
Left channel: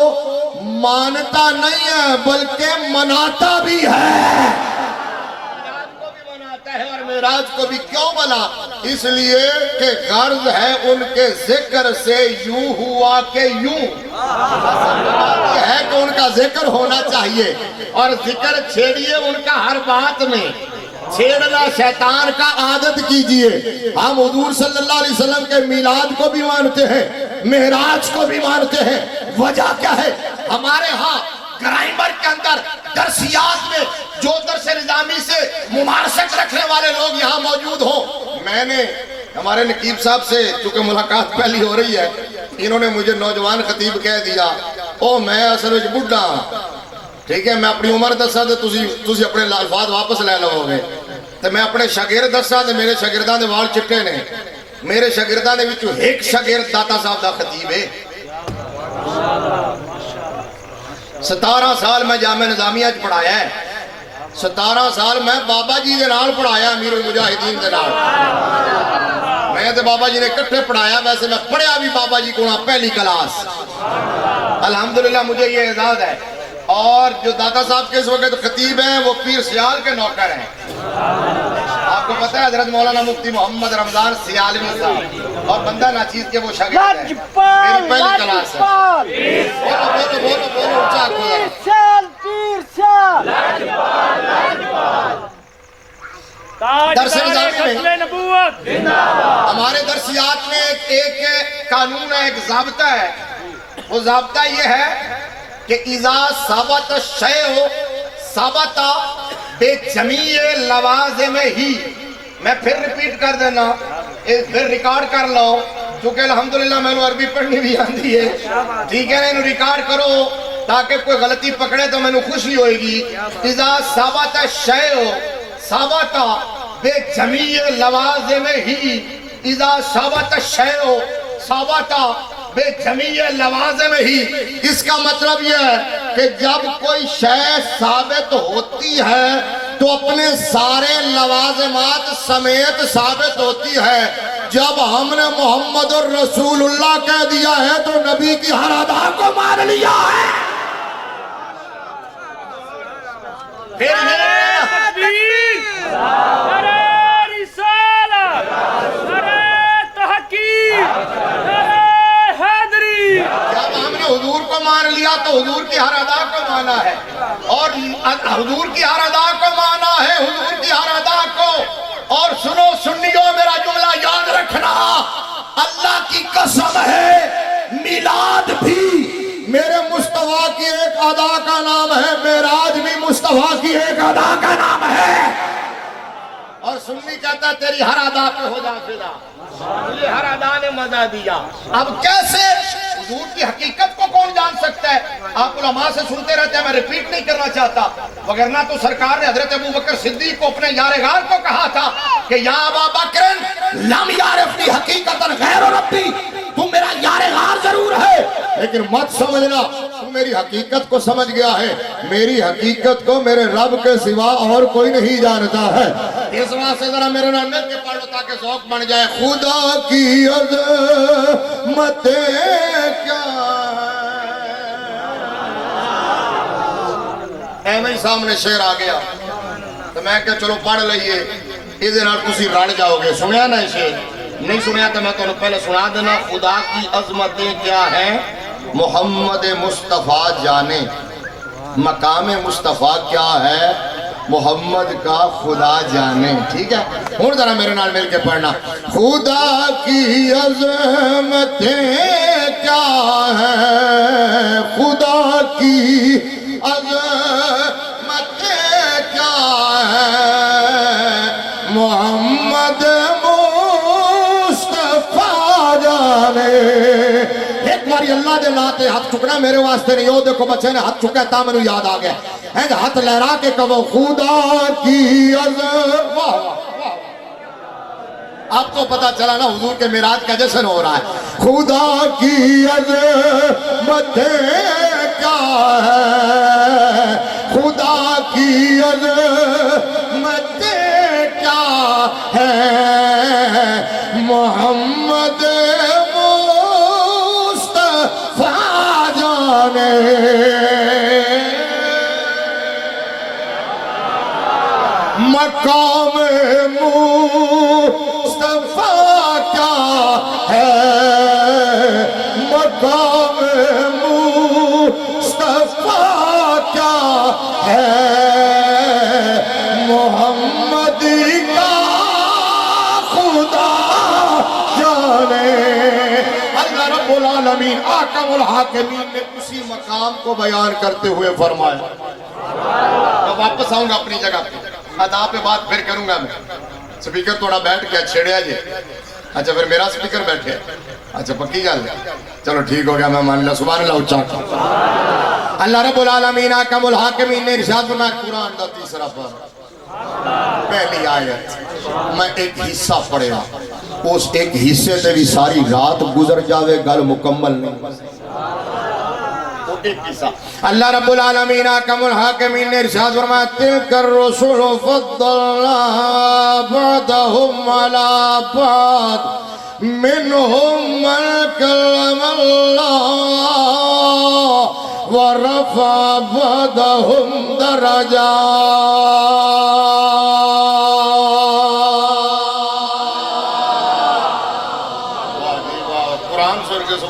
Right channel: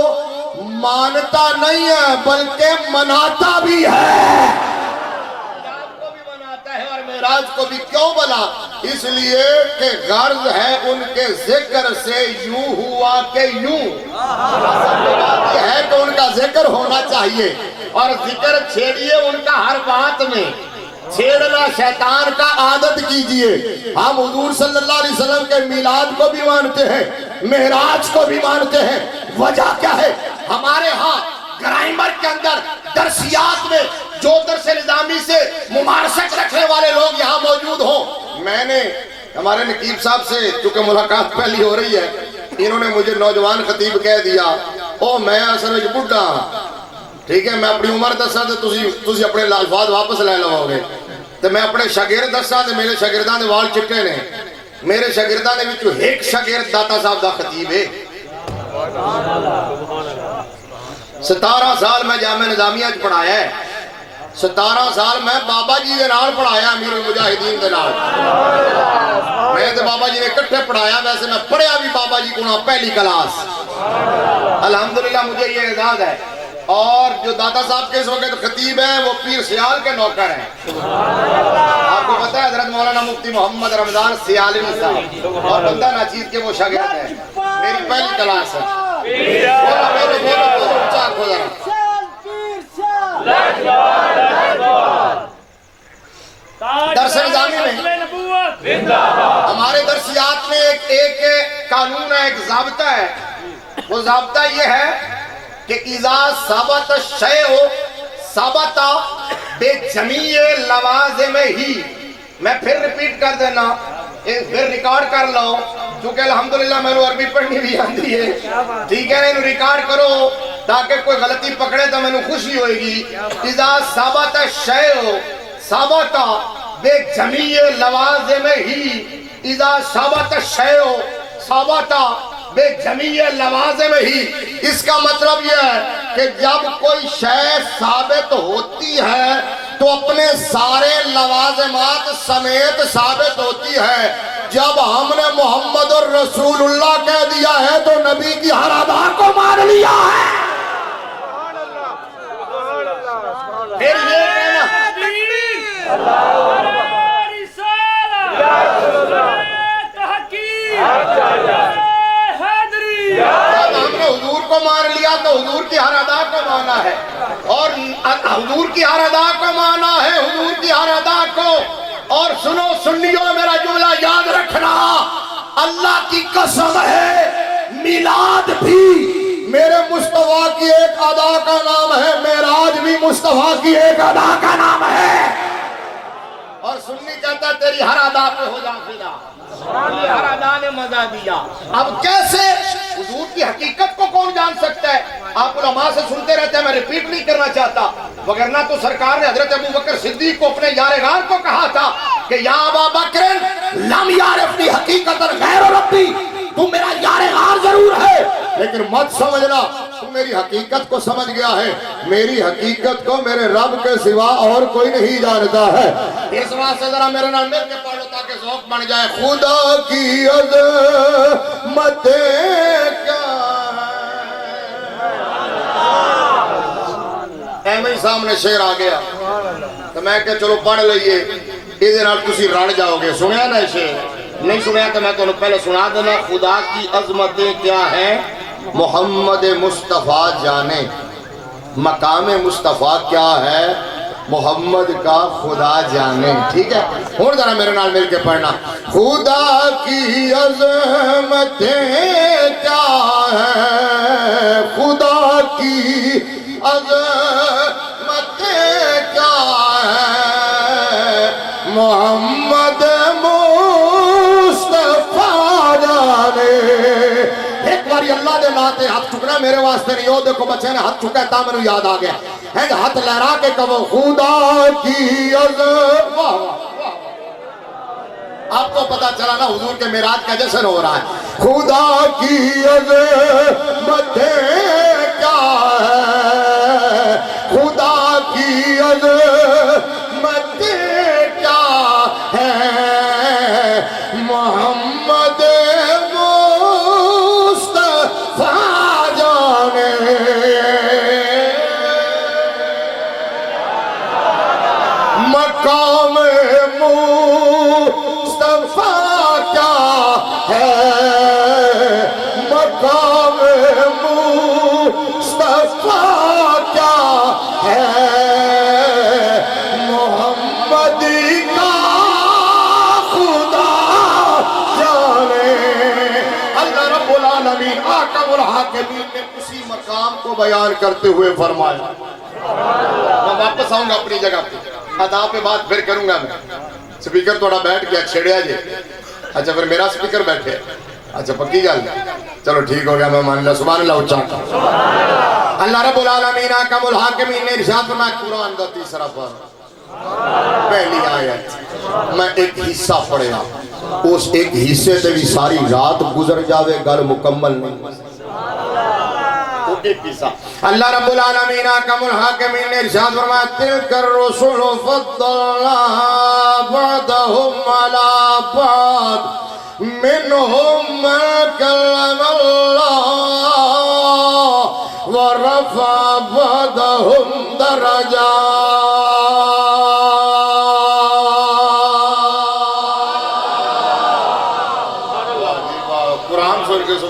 مانتا نہیں ہے بلکہ مناتا بھی ہے۔ میلاد کو بھی مناتا ہے اور معراج کو بھی، کیوں بنا؟ اس لیے کہ غرض ہے ان کے ذکر سے یوں ہوا کہ یوں، یہ ہے کہ ان کا ذکر ہونا چاہیے، اور ذکر چھیڑیے ان کا ہر بات میں، چھیڑنا شیطان کا عادت کیجئے۔ ہم حضور صلی اللہ علیہ وسلم کے میلاد کو بھی مانتے ہیں، معراج کو بھی مانتے ہیں۔ وجہ کیا ہے؟ ہمارے ہاں گرائمر کے اندر درسیات میں جو درس نظامی سے ممارست رکھنے والے لوگ یہاں موجود ہوں، میں نے ہمارے نقیب صاحب سے چونکہ ملاقات پہلی ہو رہی ہے، انہوں نے مجھے نوجوان خطیب کہہ دیا، او میں اصل وچ بڈھا، ٹھیک ہے میں اپنی عمر دسا تے تسی اپنے الفاظ واپس لے لو گے، تے میں اپنے شاگرد دسا تے میرے شاگرداں دے وال چٹے نے، میرے شاگرداں دے وچوں ایک شاگرد داتا صاحب دا خطیب ہے۔ 17 سال میں جامعہ نظامیہ چ پڑھایا ہے، 17 سال میں بابا جی دے نال پڑھایا، امیر المجاہدین دے نال، میں تے بابا جی نے کٹھے پڑھایا، ویسے میں پڑھیا بھی بابا جی کو پہلی کلاس، الحمدللہ مجھے یہ اعزاز ہے۔ اور جو داتا صاحب کے اس وقت خطیب ہیں وہ پیر سیال کے نوکر ہیں، آپ کو پتہ ہے حضرت مولانا مفتی محمد رمضان سیالوی صاحب، اور بندہ ناچیز کے وہ شاگرد ہیں، میری پہلی کلاس ہے۔ بولو اونچا کھو ذرا۔ درس نظامی میں ہمارے درسیات میں ایک قانون ہے، ایک ضابطہ ہے، وہ ضابطہ یہ ہے کہ اذا ثبت الشیء ثبت بجمیع لوازمہ ہی، میں پھر ریپیٹ کر دینا، پھر ریکارڈ کر لو، چونکہ الحمدللہ میں نے عربی پڑھنی بھی آتی ہے، ٹھیک ہے نا، ریکارڈ کرو تاکہ کوئی غلطی پکڑے تو میں نے خوشی ہوئے گی۔ اذا ثبت الشیء ثبت بجمیع لوازمہ ہی، اذا ثبت الشیء ثبت بے جمیع لوازم ہی، اس کا مطلب یہ ہے کہ جب کوئی شے ثابت ہوتی ہے تو اپنے سارے لوازمات سمیت ثابت ہوتی ہے۔ جب ہم نے محمد الرسول اللہ کہہ دیا ہے تو نبی کی ہر ادا کو مان لیا ہے۔ پھر حضور کو مان لیا تو حضور کی ہر ادا کو مانا ہے، اور حضور کی ہر ادا کو مانا ہے، حضور کی ہر ادا کو۔ اور سنو سنیو میرا جملہ یاد رکھنا، اللہ کی قسم ہے میلاد بھی میرے مصطفیٰ کی ایک ادا کا نام ہے، معراج بھی مصطفیٰ کی ایک ادا کا نام ہے۔ اور سنی کہتا ہے تیری ہر ادا پہ ہو جا فدا، یہ ہر ادا نے مزہ دیا۔ اب کیسے حضور کی حقیقت کو کون جان سکتا ہے؟ آپ علماء سے سنتے رہتے ہیں، میں ریپیٹ نہیں کرنا چاہتا، وگرنہ تو سرکار نے حضرت ابوبکر صدیق کو اپنے یار غار کو کہا تھا کہ یا ابا بکر لم یعرفنی حقیقتا غیر ربی، تو میرا یار غار ضرور ہے لیکن مت سمجھنا تو میری حقیقت کو سمجھ گیا ہے، میری حقیقت کو میرے رب کے سوا اور کوئی نہیں جانتا ہے۔ اس واسطے ذرا میرے نام مل کے پڑھو تاکہ ذوق بن جائے۔ خدا کی عظمت کیا ایویں ہی سامنے شعر آ گیا تو میں کہ چلو پڑھ لئیے، اس نال تسی رڑ جاؤ گے۔ سنیا نا شعر؟ نہیں سنیا تو میں تو پہلے سنا دینا۔ خدا کی عظمتیں کیا ہیں محمد مصطفیٰ جانے، مقام مصطفیٰ کیا ہے محمد کا خدا جانے، ٹھیک ہے؟ ہوں ذرا میرے نال مل کے پڑھنا۔ خدا کی عظمتیں کیا ہیں، خدا کی عظمتیں کیا ہیں محمد مصطفیٰ جانے۔ ایک باری اللہ دے ناتے واسطے ہاتھ چکنا میرے واسطے نہیں ہو دیکھو بچے نے ہاتھ چکا تا مجھے یاد آ گیا ہے ہاتھ لہرا کے کہو خدا کی عظمت آپ کو پتا چلا نا حضور کے معراج کا جشن ہو رہا ہے خدا کی عظمت کیا ہے خدا کی عظمت کیا ہے محمد مصطفیٰ جانے مقام اسی مقام کو بیان کرتے ہوئے فرمایا میں واپس آؤں گا اپنی جگہ پہ ادا پہ بات پھر کروں گا میں سپیکر تھوڑا بیٹھ گیا چھڑیا جی اچھا پھر میرا سپیکر بیٹھ گیا اچھا پکی گل چلو ٹھیک ہو گیا میں مان لیا سبحان اللہ اچھا اللہ رب العالمین احکم الحاکمین نے ارشاد فرمایا قرآن دا تیسرا پارہ پہلی آیت میں ایک حصہ پڑھیا اس ایک حصے سے بھی ساری رات گزر جاوے گل مکمل نہیں اللہ رب العالمین احکم الحاکمین نے ارشاد فرمایا تلک الرسل فضلنا بعضهم على بعض منهم من کلم اللہ ورفع بعضهم درجات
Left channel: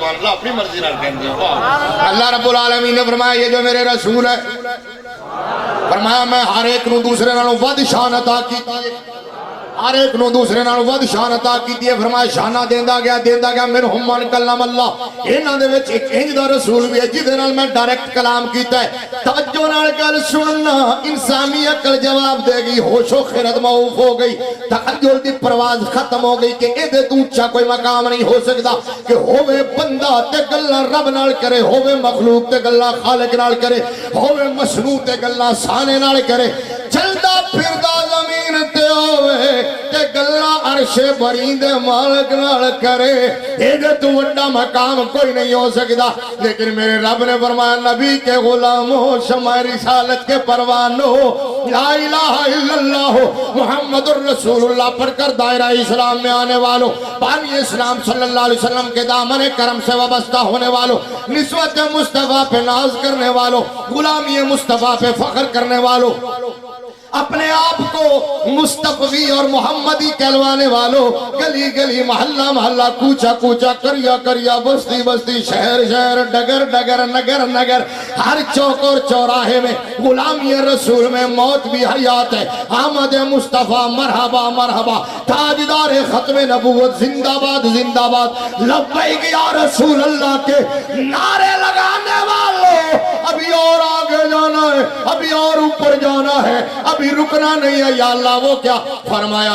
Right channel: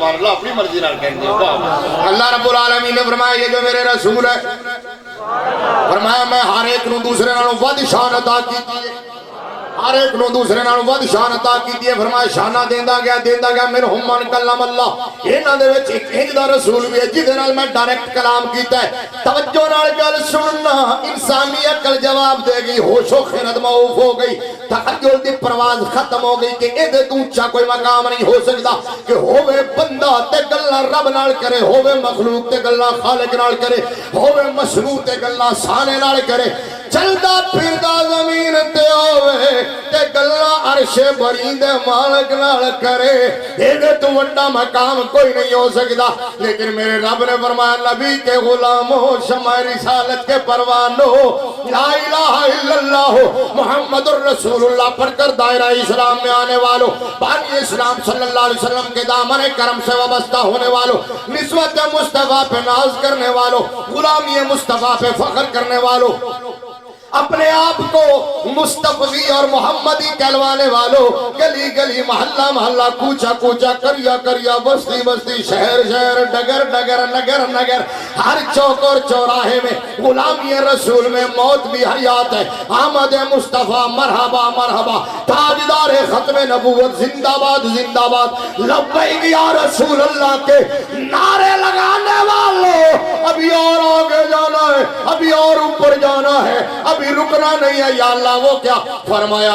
اللہ اپنی مرضی نہ کہنے اللہ رب العالمین نے فرمایا یہ جو میرے رسول ہے فرمایا میں ہر ایک نو دوسرے نالوں ود شان عطا کی ہر ایک نو دوسرے نالوں ود شان عطا کی فرمایا شانہ دیندہ گیا منہم من کلم اللہ انہاں دے وچ ایک انج دا رسول بھی ہے جس نال میں ڈائریکٹ کلام کیتا ہے توجہ نال گل سننا انسانی عقل جواب دے گی ہوش و خرد معاف ہو گئی تخیل دی پرواز ختم ہو گئی کہ اے دے تو اونچا کوئی مقام نہیں ہو سکدا کہ ہووے بندہ تے گلاں رب نال کرے ہووے مخلوق تے گلاں خالق نال کرے ہووے مصنوع تے گلاں سانے نال کرے چلدا پھردا زمین تے ہووے تے گلاں عرش برین دے مالک نال کرے اے تو وڈا مقام کوئی نہیں ہو سکدا لیکن میرے رب نے فرمایا نبی کے غلاموں شمع رسالت کے پروانوں لا الہ الا اللہ محمد الرسول اللہ پڑھ کر دائرہ اسلام میں آنے والوں بانی اسلام صلی اللہ علیہ وسلم کے دامن کرم سے وابستہ ہونے والوں نسبت مصطفیٰ پہ ناز کرنے والوں غلامی مصطفیٰ پہ فخر کرنے والوں اپنے آپ کو مصطفی اور محمدی کہلوانے والوں گلی گلی محلہ محلہ کوچا کوچا کریا کریا بستی بستی شہر شہر ڈگر ڈگر نگر نگر ہر چوک اور چوراہے میں غلامی رسول میں موت بھی حیات ہے آمد مصطفیٰ مرحبا مرحبا تاجدار ختم نبوت زندہ باد لبیک یا رسول اللہ کے نعرے لگانے والوں ابھی اور آگے جانا ہے ابھی اور اوپر جانا ہے ابھی رکنا نہیں ہے یا اللہ وہ کیا فرمایا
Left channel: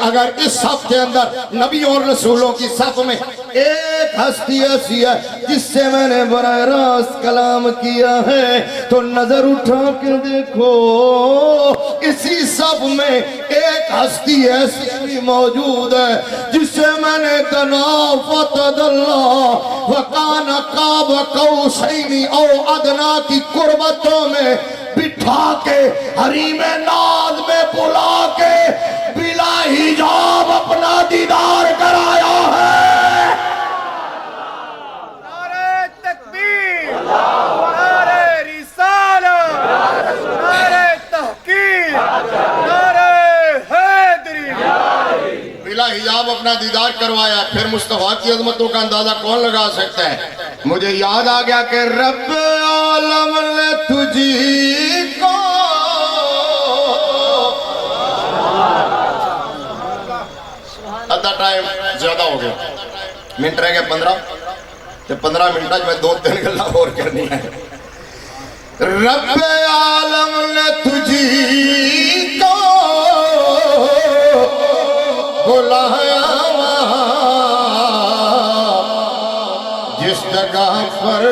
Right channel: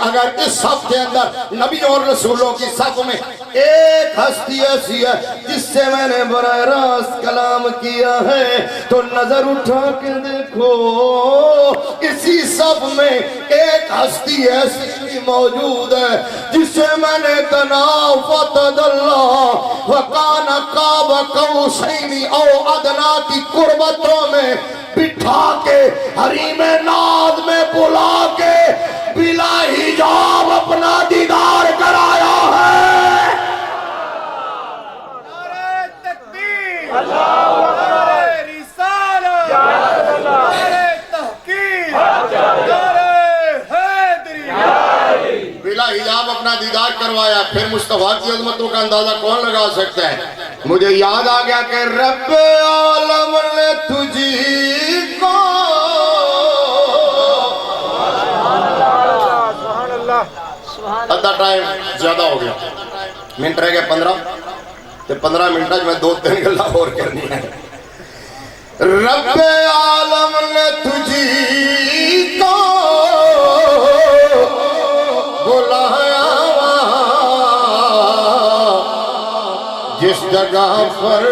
اگر اس صف کے اندر نبی اور رسولوں کی صف میں ایک ہستی ایسی ہے جس سے میں نے براہ راست کلام کیا ہے تو نظر اٹھا کے دیکھو اسی صف میں ایک ہستی ایسی بھی موجود ہے جس سے میں نے تنافت اللہ وکان قاب قوسین او ادنا کی قربتوں میں بٹھا کے حریم ناز میں بلا کے بلا حجاب اپنا دیدار کرایا ہے نعرہ تکبیر نعرہ رسالت نعرہ تحقیق نعرہ حیدری بلا حجاب اپنا دیدار کروایا پھر مصطفیٰ کی عظمتوں کا اندازہ کون لگا سکتا ہے مجھے یاد آ گیا کہ رب عالم نے تجھی کو ادھا ٹائم زیادہ ہو گیا منٹ رہ گئے 15 منٹ میں 2-3 گلہ اور کرنی ہے رب عالم نے تجھی کو بلایا جس جگہ پر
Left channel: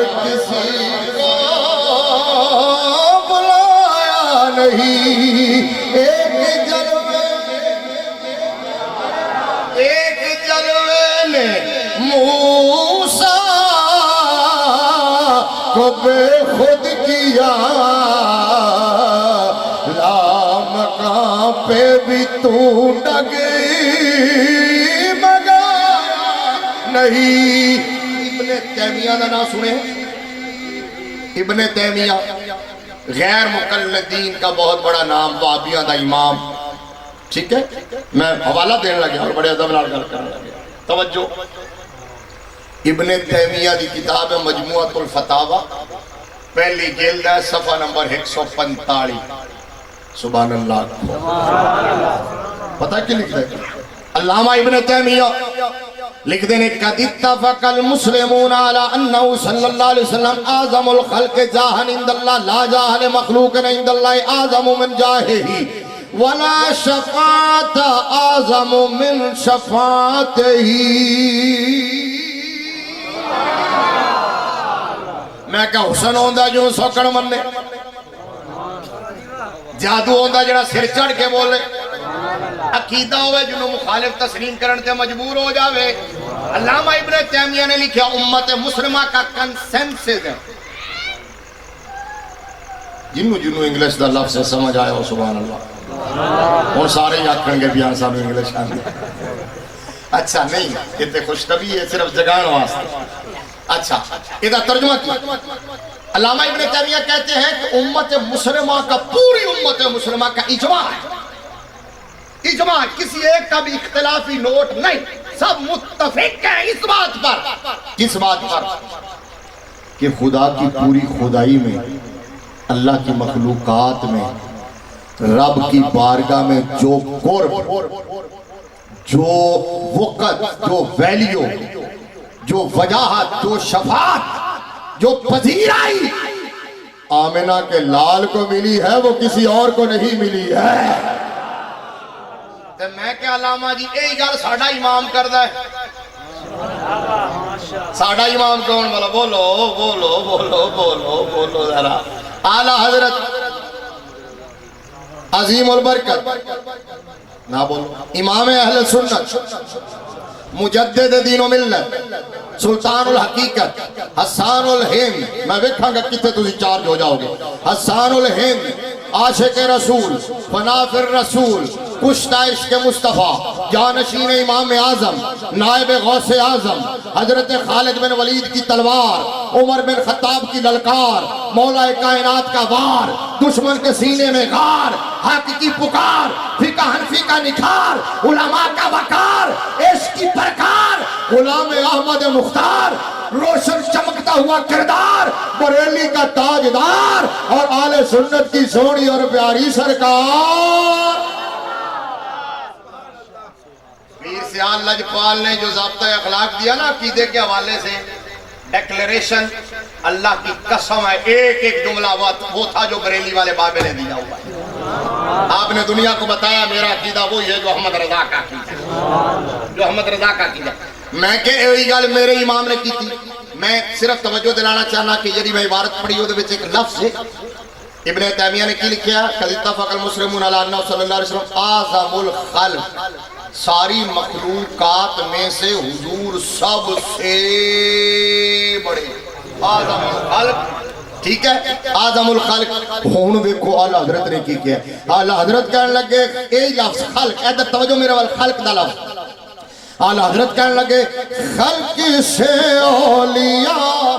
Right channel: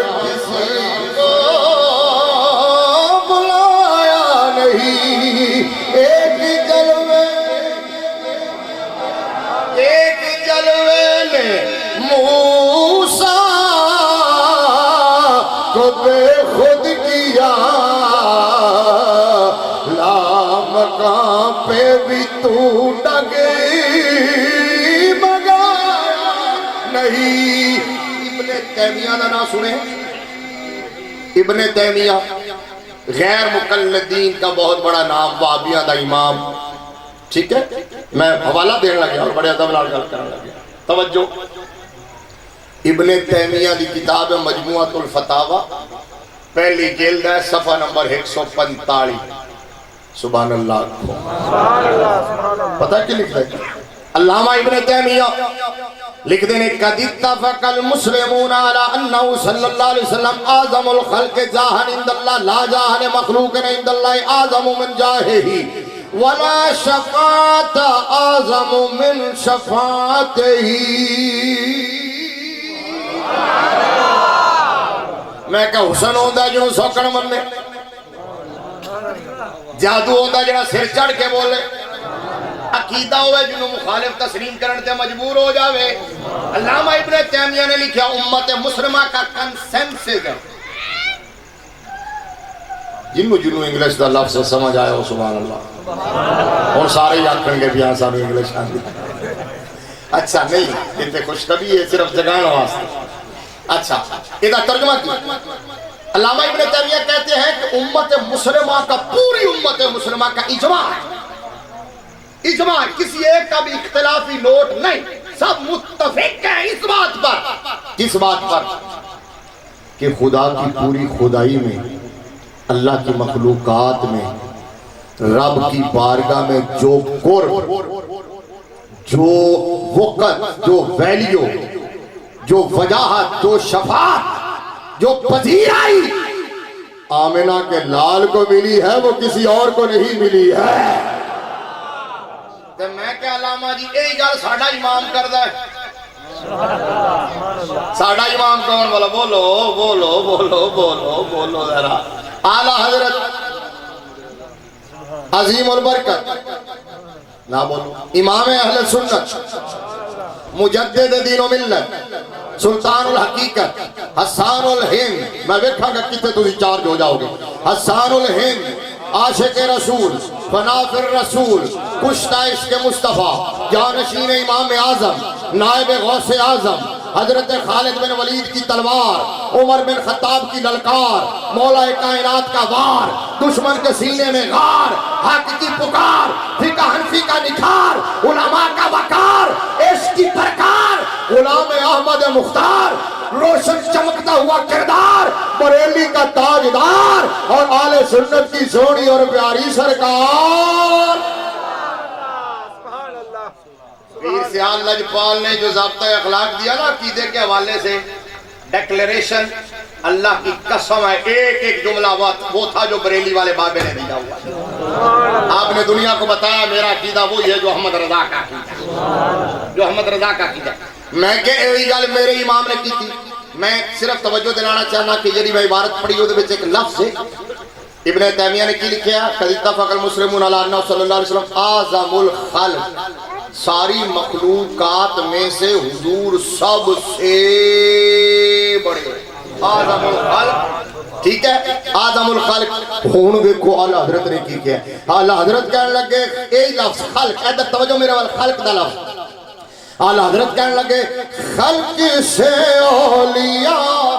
نہیں ایک جلوے نے موسیٰ کو بے خود کیا لامکان پہ بھی تو ڈگے نہیں۔ ابن تیمیہ کا نام سنے؟ ابن تیمیہ غیر مقلدین کا بہت بڑا نام، وہابیہ دا امام، ٹھیک ہے؟ میں حوالہ دینے لگیا اور بڑے ادب نال گل کرنے لگیا، توجہ۔ ابن تیمیہ دی کتاب مجموعۃ الفتاوی، پہلی جلد ہے، صفحہ نمبر 145۔ سبحان اللہ۔ پتہ کی لکھ رہے؟ علامہ ابن تیمیہ لکھ دینے قد اتفق المسلمون على انه صلی اللہ علیہ وسلم اعظم الخلق جاہا عند اللہ لا جاہ لمخلوق عند اللہ اعظم من جاہہ ولا شفاعت اعظم من شفاعتہ۔ میں کہ حسن ہوندہ جو سوکڑ مننے، جادو ہوندہ جڑا سر چڑھ کے بولے، عقیدہ ہوئے جنہوں مخالف تسلیم کرنے تے مجبور ہو جاوے۔ علامہ ابن تیمیہ نے لکھا امت مسلمہ کا کنسنسس ہے، جنہوں انگلش دا لفظ سمجھ آیا ہو سبحان اللہ، اور سارے یاد کریں گے بیان صاحب انگلش آنے۔ اچھا نہیں، یہ تے خوش طبی ہے، صرف جگان واسطے۔ اچھا ادھا ترجمہ کیا؟ علامہ ابن تیمیہ کہتے ہیں کہ امت مسلمہ کا، پوری امت مسلمہ کا اجماع ہے، اجماع، کسی ایک کا بھی اختلافی نوٹ نہیں، سب متفق ہیں اس بات پر۔ کس بات پر؟ کہ خدا کی پوری خدائی میں، اللہ کی مخلوقات میں، رب کی بارگاہ میں جو قرب، جو وقت، جو ویلیو، جو وجاہت، جو شفاعت، جو پذیرائی آمنہ کے لال کو ملی ہے، وہ کسی اور کو نہیں ملی ہے۔ تے میں کہ علامہ جی یہی گل ساڈا امام کردا ہے، ساڈا امام کون والا؟ بولو بولو بولو بولو بولو ذرا۔ اعلیٰ حضرت عظیم البرکت، نہ بولو، امام اہل سنت، مجدد دین و ملت، سلطان الحقیقت، حسان الہند، میں ویکھاں گا کتے تسی چارج ہو جاؤ گے، حسان الہند، عاشق رسول، فنافر رسول، کشتہ عشق مصطفیٰ، جانشین امام اعظم، نائب غوث اعظم، حضرت خالد بن ولید کی تلوار، عمر بن خطاب کی للکار، مولا کائنات کا وار، دشمن کے سینے میں غار، حق کی پکار، فقہ حنفی کا نکھار، علماء کا وقار، عشق کی پرکار، غلام احمد مختار، روشن چمکتا ہوا کردار، بریلی کا تاجدار، اور آل سنت کی سونی اور پیاری سرکار۔ پیر سیال لجپال نے جو ضابطہ اخلاق دیا نا عقیدے کے حوالے سے، ڈیکلیریشن، اللہ کی قسم ہے، ایک ایک جملہ وہ تھا جو بریلی والے بابے نے دیا ہوا ہے۔ آپ نے دنیا کو بتایا میرا عقیدہ وہی ہے جو احمد رضا کا عقیدہ، جو احمد رضا کا عقیدہ۔ میں کہ یہ گل میرے امام نے کی تھی، میں صرف توجہ دلانا چاہنا کہ یہ میں عبارت پڑھی ہو دے وچ ایک لفظ ہے، ابن تیمیہ نے کی لکھیا قد اتفق المسلمون علی انہ صلی اللہ علیہ وسلم اعظم الخلق، ساری مخلوقات میں سے حضور سب سے بڑے، اعظم الخلق، ٹھیک ہے، اعظم الخلق۔ ہون دیکھو اعلیٰ حضرت نے کی کیا، اعلیٰ حضرت کہنے لگے یہی لفظ خلق، ادھر توجہ میرے وال، خلق دا لفظ، اعلیٰ حضرت کہنے لگے خلق سے اولیاء۔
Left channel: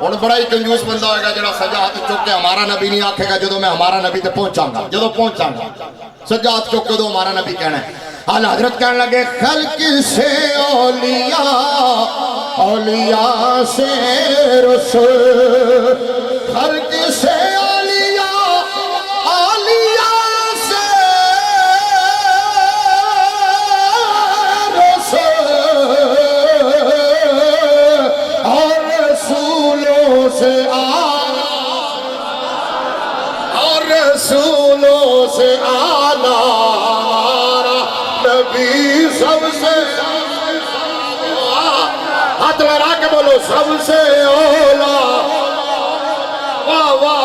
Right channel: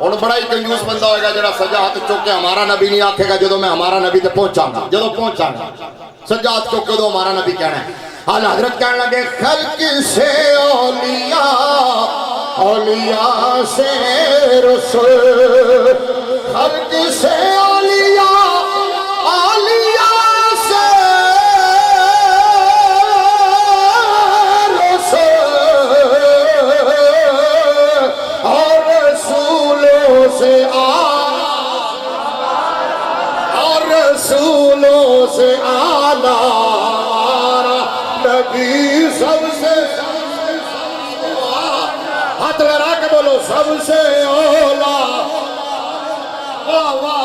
اور بڑا ہی کنجوس بندہ ہوئے گا جڑا سجا ہاتھ چوکے ہمارا نبی نہیں آکھے گا جدو میں ہمارا نبی تے پہنچاں گا، جدو پہنچاں گا سجا ہاتھ چوکے دو ہمارا نبی کہنا ہے۔ اعلیٰ حضرت کہنے لگے خلق سے اولیاء، اولیاء سے رسول، خلق سے اولیاء، اولیاء سے رسول، اور رسولوں سے اور رسولوں سے آلہ نبی سب سے، ہاتھ لڑا کے بولو سب سے اولا، واہ واہ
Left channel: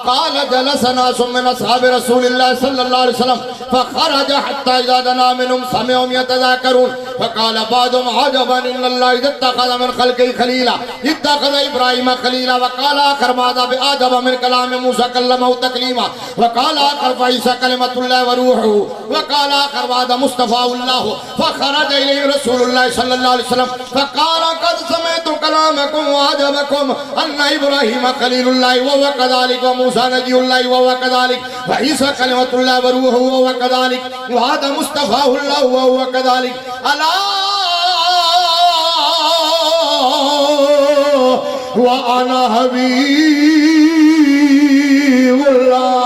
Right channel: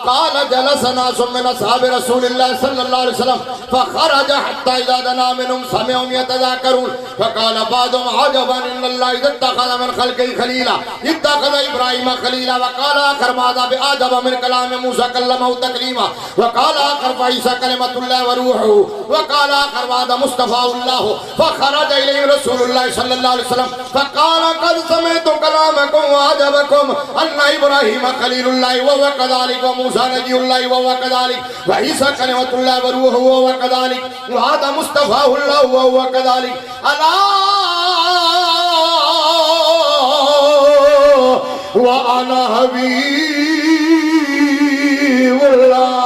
قال جلسنا من اصحاب رسول الله صلى الله عليه وسلم فخرج حتى اذا دنا منهم سمعهم يتذاكرون فقال بعضهم عجبا ان الله اذا اتخذ من خلقه خليلا اتخذ ابراهيم خليلا وقال اخر ماذا باعجب من كلام موسى كلمه تكليما وقال اخر فعيسى كلمه الله وروحه وقال اخر ماذا مصطفى الله فخرج اليه رسول الله صلى الله عليه وسلم فقال قد سمعت كلامكم وعجبكم ان ابراهيم خليل الله وهو كذلك وموسى نبي الله وهو كذلك وعيسى كلمة الله وروحه وهو كذلك وهذا مصطفى الله وهو كذلك ألا وأنا حبيب الله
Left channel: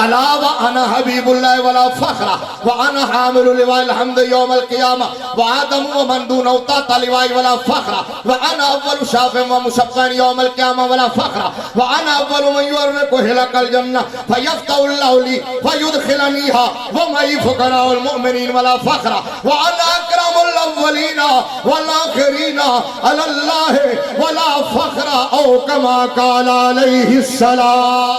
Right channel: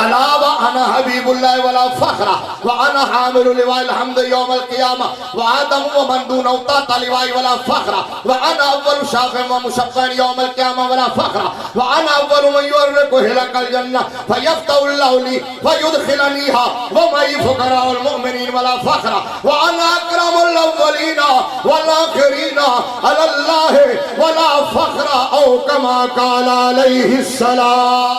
ألا وأنا حبيب الله ولا فخر وأنا حامل لواء الحمد يوم القيامة وآدم ومن دونه تحت لواء ولا فخر وأنا أول شافع ومشفع يوم القيامة ولا فخر وأنا أول من يورق هلك الجنة فيفتح الله لي فيدخلنيها ومعي فقراء المؤمنين ولا فخر وأنا أكرم الأولين والآخرين على الله ولا فخر أو كما قال عليه السلام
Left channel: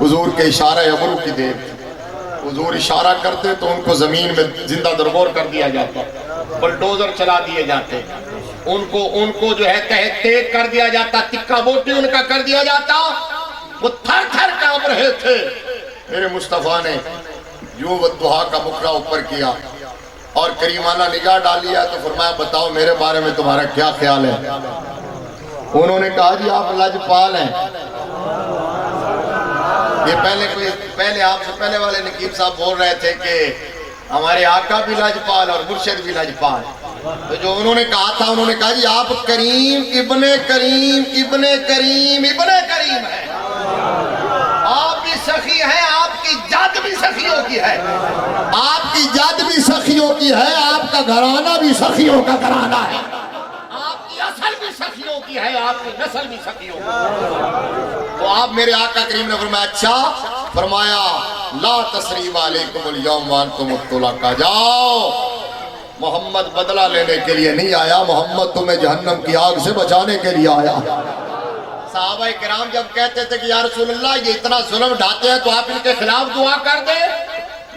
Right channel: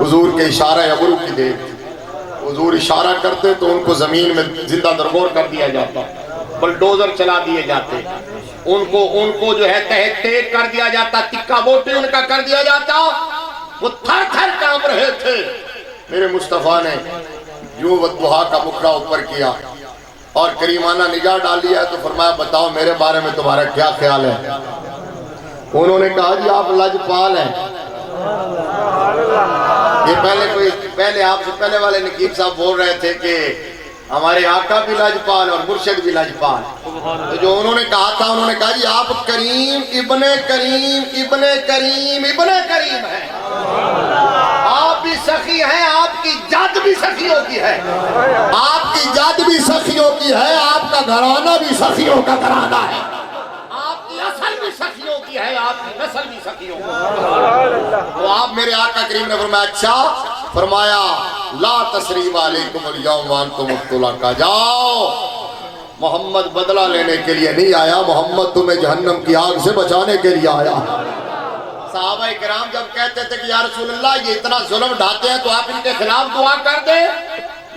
حضور کے اشارہ ابرو کی دیر تھی۔ حضور اشارہ کرتے تو ان کو زمین میں زندہ درگور کر دیا جاتا، بلڈوزر چلا دیے جاتے، ان کو جو ہے تحت تیز کر دیا جاتا، تکا بوٹی ان کا کر دیا جاتا، وہ تھر تھر کانپ رہے تھے۔ میرے مصطفیٰ نے یوں دعا کا بکرا اوپر کیا اور کریمانہ نگاہ ڈالی ہے تو فرمایا بتاؤ میرے بارے میں تمہارا کیا خیال ہے؟ انہوں نے کہا جی آپ لاجپال ہیں۔ یہ پہلے آپ سے پہلے والے نقیب صاحب بول رہے تھے کہ ہمارے آقا بھی لاجپال اور مرشد بھی لاجپال، تو جو انہوں نے کہا تھا انہوں نے کہا جی آپ کریم ابن کریم ابن کریم ابن کریم ہیں، آپ بھی سخی ہیں، آپ کی جد بھی سخیوں کی ہے، آپ کی جد بھی سخیوں کی ہے، آپ کا گھرانہ بھی سخیوں کا گھرانہ ہے، آپ کی اصل بھی سخیوں کی ہے، آپ کی نسل بھی سخیوں کی ہے۔ تو آپ میرے آقا کریم نے فرمایا اچھا، فرمایا لا تسریب علیکم اليوم وانتم مبتلا، جاؤ محمد بدلہ لینے کے لیے نہیں آیا، محمد تمہیں جہنم کی آگ سے بچانے کے لیے آیا۔ صحابہ کرام جب کہتے تھے کہ یا رسول اللہ یہ اتنا ظلم ڈھاتے ہیں تو آپ ان کے خلاف دعا کر دیں،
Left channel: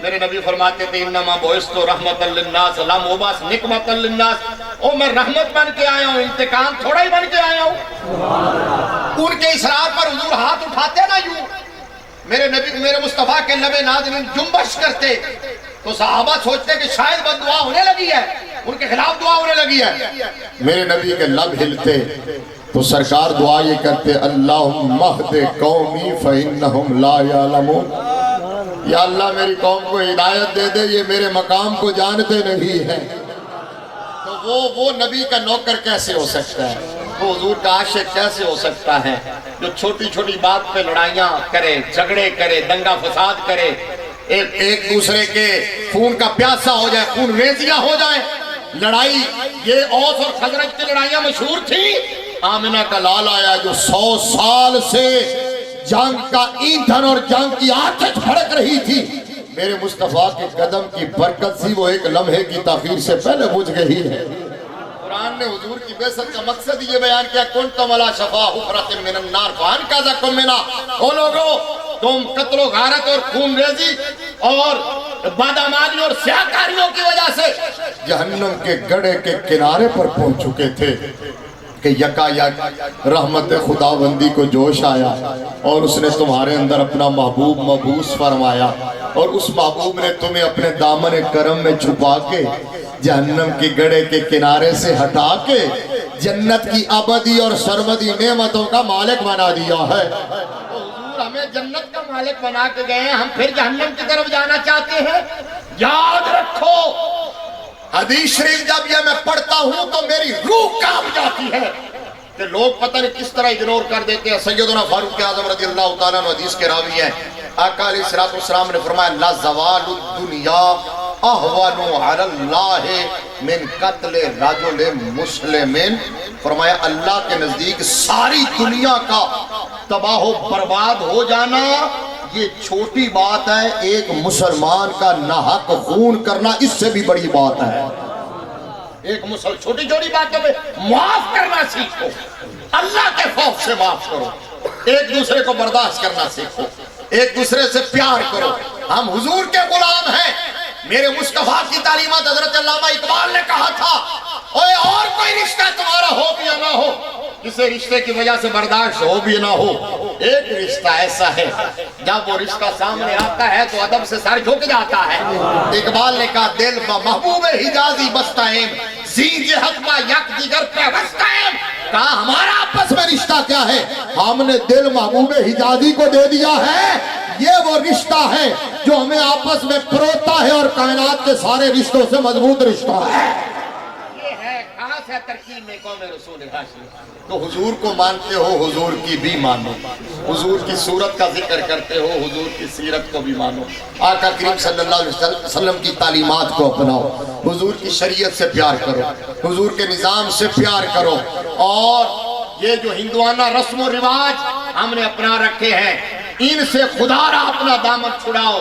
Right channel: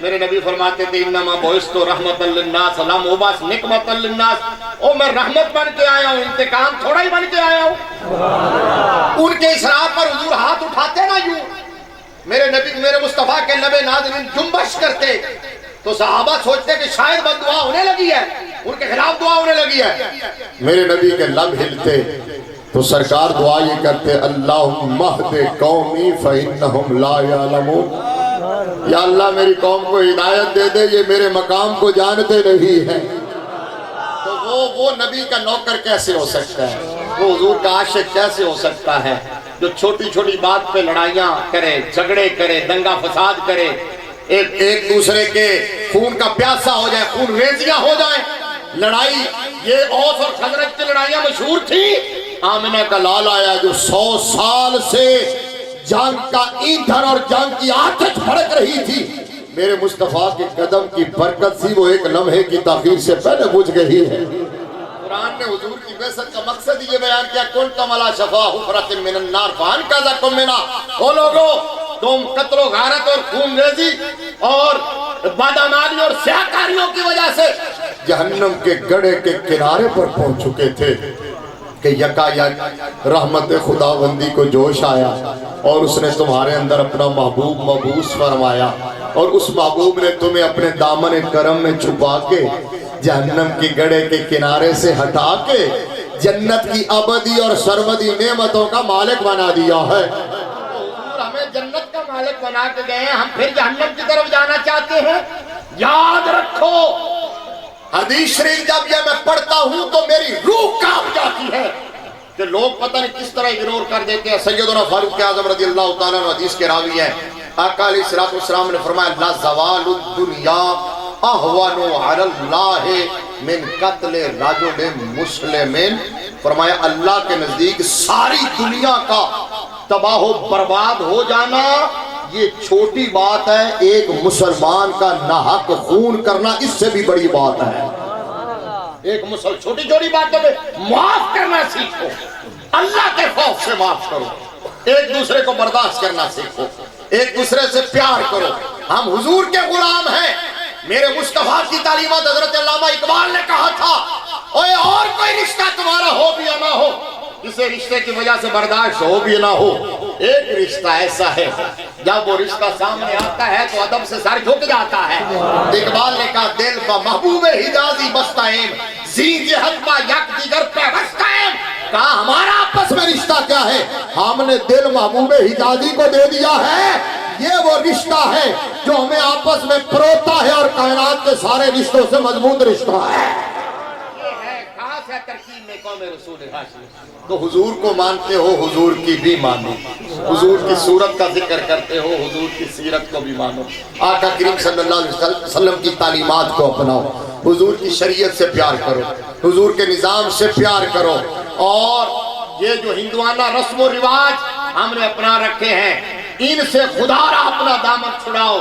میرے نبی فرماتے تھے انما بعثت رحمتا للناس لا مبعوث نقمتا للناس، او میں رحمت بن کے آیا ہوں، انتقام تھوڑا ہی بن کے آیا ہوں۔ ان کے اصرار پر حضور ہاتھ اٹھاتے نا یوں، میرے مصطفیٰ کے لب ناظرین جنبش کرتے تو صحابہ سوچتے کہ شاید بد دعا ہونے لگی ہے، ان کے خلاف دعا ہونے لگی ہے۔ میرے نبی کے لب ہلتے تو سرکار دعا یہ کرتے اللہم اہد قومی فإنہم لا یعلمون، یا اللہ میری قوم کو ہدایت دے دے، یہ میرے مقام کو جانتے نہیں ہیں۔ تو وہ نبی کا نوکر کیسے ہو سکتا ہے، وہ حضور کا عاشق کیسے ہو سکتا ہے جو چھوٹی چھوٹی بات پہ لڑائیاں کرے، جھگڑے کرے، دنگا فساد کرے، ایک دوسرے کے خون کا پیاسا ہو جائے، خون ریزیاں ہو جائیں۔ لڑائی یہ اوس اور خزرج کی لڑائیاں مشہور تھیں۔ آمنہ کا لال آیا جو 100 سال سے جنگ کا ایندھن اور جنگ کی آتش بھڑک رہی تھی، میرے مصطفیٰ کے قدم کی برکت سی وہ ایک لمحے کی تاخیر سے پہلے بجھ گئی ہے۔ قرآن نے حضور کی بعثت کا مقصد یہ بیان کیا کنتم علی شفا حفرۃ من النار فانقذکم منہا، او لوگو تم قتل و غارت اور خون ریزی اور بادامالی اور سیاکاریوں کی وجہ سے جہنم کے گڑھے کے کنارے پر پہنچ چکے تھے کہ یکا یک رحمت خداوندی کو جوش آیا اور اس نے تمہارے اندر اپنا محبوب مبعوث فرمایا، اور اس محبوب نے تمہیں اپنے دامن کرم میں چھپا کے جہنم کی گڑھے کے کنارے سے ہٹا کے جنت کی ابدی اور سرمدی نعمتوں کا مالک بنا دیا ہے۔ حضور ہمیں جنت کا مالک بنا کے گئے ہیں، ہم پھر جہنم کی طرف جانا چاہتے ہیں؟ یاد رکھو حدیث شریف جب یہ میں پڑھتا ہوں تو میری روح کانپ جاتی ہے کہ لوگ پتہ نہیں کس طرح اگنور کر دیتے ہیں۔ سیدنا فاروق اعظم رضی اللہ تعالیٰ عنہ حدیث کے راوی ہیں، آقا علیہ السلام نے فرمایا لا زوال الدنیا احوان علی اللہ من قتل رجل مسلم، فرمایا اللہ کے نزدیک ساری دنیا کا تباہ و برباد ہو جانا یہ چھوٹی بات ہے، ایک مسلمان کا ناحق خون کرنا اس سے بھی بڑی بات ہے۔ ایک چھوٹی چھوٹی باتوں میں معاف کرنا سیکھو، اللہ کے خوف سے معاف کرو، ایک دوسرے کو برداشت کرنا سیکھو، ایک دوسرے سے پیار کرو۔ ہم حضور کے غلام ہیں۔ میرے مصطفیٰ کی تعلیمات حضرت علامہ اقبال نے کہا تھا اوے اور کوئی رشتہ تمہارا ہو بھی یا نہ ہو، کسی رشتے کی وجہ سے برداشت ہو بھی نہ ہو، ایک رشتہ ایسا ہے جب وہ رشتہ سامنے آتا ہے تو ادب سے سر جھک جاتا ہے۔ اقبال نے کہا دل با محبوب حجازی بستائیم زین جہت با یک دیگر پہ بستائیم، کہا ہمارا آپس میں رشتہ کیا ہے؟ ہم نے دل محبوب حجازی کو دے دیا ہے، یہ وہ رشتہ ہے جو ہمیں آپس میں پروتا ہے اور کائنات کے سارے رشتوں سے مضبوط رشتہ ہے۔ یہ ہے خاص ہے ترکیب میں قوم رسول ہاشمی۔ تو حضور کو مانتے ہو حضور کی بھی مانو، حضور کی صورت کا ذکر کرتے ہو حضور کی سیرت کو بھی مانو، آقا کریم صلی اللہ علیہ وسلم کی تعلیمات کو اپناؤ، حضور کی شریعت سے پیار کرو، حضور کے نظام سے پیار کرو، اور یہ جو ہندوانہ رسم و رواج ہم نے اپنا رکھے ہیں ان سے خدا را اپنا دامن چھڑاؤ۔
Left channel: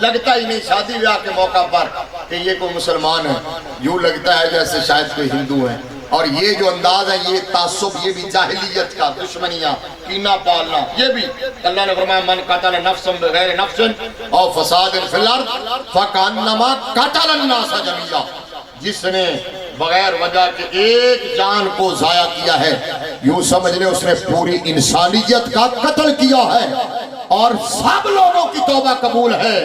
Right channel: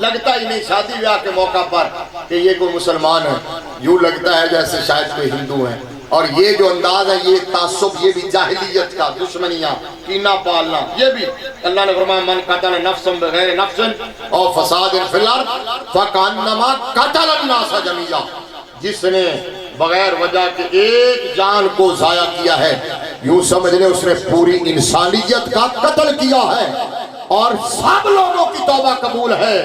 لگتا ہی نہیں شادی بیاہ کے موقع پر کہ یہ کوئی مسلمان ہے، یوں لگتا ہے جیسے شاید کوئی ہندو ہے۔ اور یہ جو انداز ہے یہ تعصب، یہ بھی جاہلیت کا، دشمنیاں، کینہ پالنا، یہ بھی اللہ نے فرمایا من قتل نفسا بغیر نفس او فساد فی الارض فکانما قتل الناس جميعا، جس نے بغیر وجہ کے ایک جان کو ضائع کیا ہے یوں سمجھ لے اس نے پوری انسانیت کا قتل کیا ہے، اور سب لوگوں کی توبہ قبول ہے،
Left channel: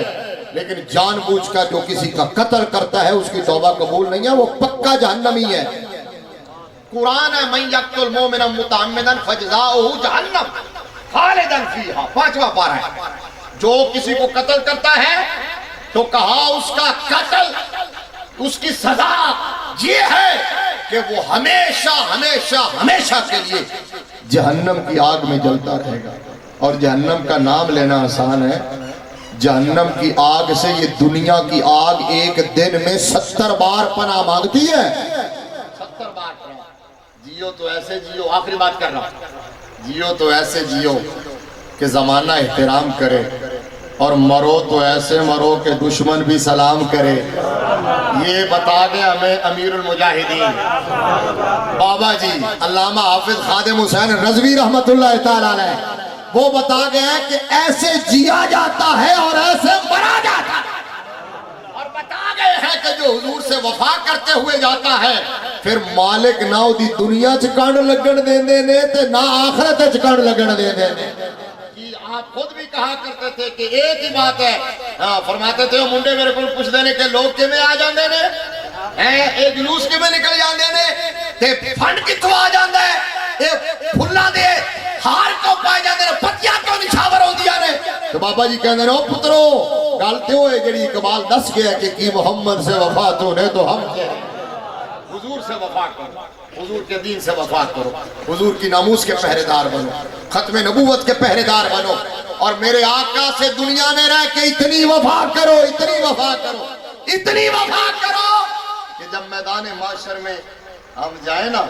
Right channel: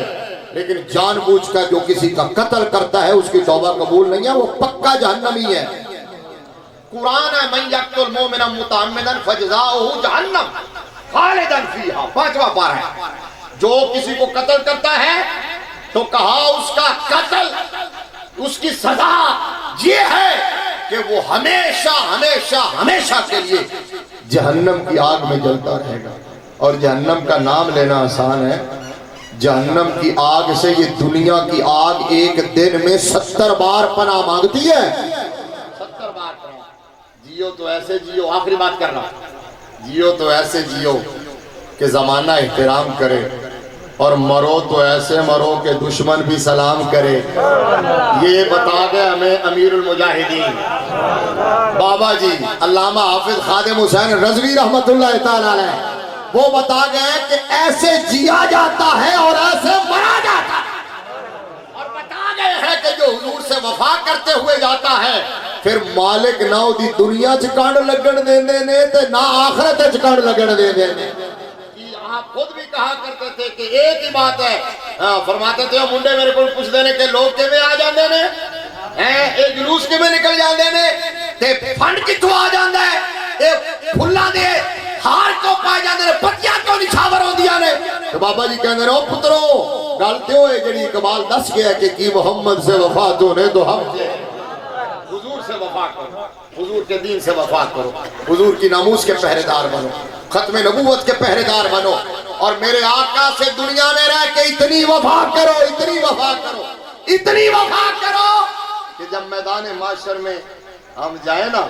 لیکن جان بوجھ کا جو کسی کا قتل کرتا ہے اس کی توبہ قبول نہیں ہے، وہ پکا جہنمی ہے۔ قرآن ہے من یقتل مومنا متعمدا فجزاؤہ جہنم خالدا فیہا، 5واں پارہ ہے، جو کسی کو قتل کرتا ہے تو کہا اس کا قتل، اس کی سزا یہ ہے کہ وہ ہمیشہ ہمیشہ ہمیشہ کے لیے جہنم کی آگ میں جلتا رہے گا۔ اور جہنم کا نام لینا آسان ہے، جہنم کی آگ سے یہ دنیا کی آگ ایک دن میں 70 بار پناہ مانگتی ہے، 70 بار پناہ۔ جیو تو ایسے جیو، آخری بات کر رہا، جیو تو ایسے جیو کہ زمانہ احترام کرے، اور مرو تو ایسے مرو کہ دشمن بھی سلام کرے۔ یہ بتا گئے ہمیں امیر المجاہدین بابا جی علامہ حافظ خادم حسین رضوی رحمت اللہ تعالیٰ علیہ، وہ بتا گئے کہ ایسے جیا جاتا ہے اور ایسے مرا جاتا ہے، اور بتا گئے ہیں کہ جو حضور سے وفا کرتے ہوئے جاتا ہے پھر مالک نہ دی دنیا چکانڈ لگن دے نے تے نہ آخرت چکانڈ لگن دے نے۔ آپ خود بھی کہا کرتے تھے کہ ایک ہی بات ہے، فرماتے تھے منڈے میرے کو پوچھ دینے کہ لوگ کے میں آ جاندے نے، ایک جلوس کے میں نکل جاندے نے، تے فنڈ کتھوں آ جاندے ہے، تے پھلا دے ہار کو پائے جاندے نے، پتیاں کو نچھاور ہو دیا نے۔ تو بابا جی کہندے نے او پترو گلتے ہوئے جڑی اقبال دس گیا کہ کی محمد سے وفا تو نے تو ہم سے حضور سے وفا کرو، حضور کے دین سے وفا کرو، حضور کی ناموس کے پہرے دار بنو، ختم نبوت کے پہرے دار بنو، اور میرے آقا سے دنیا میں رہ کے اتنی وفا کرو، اتنی وفا کرو، اتنی وفا کرو کہ جب میدان معاشر میں ہم جائیں نا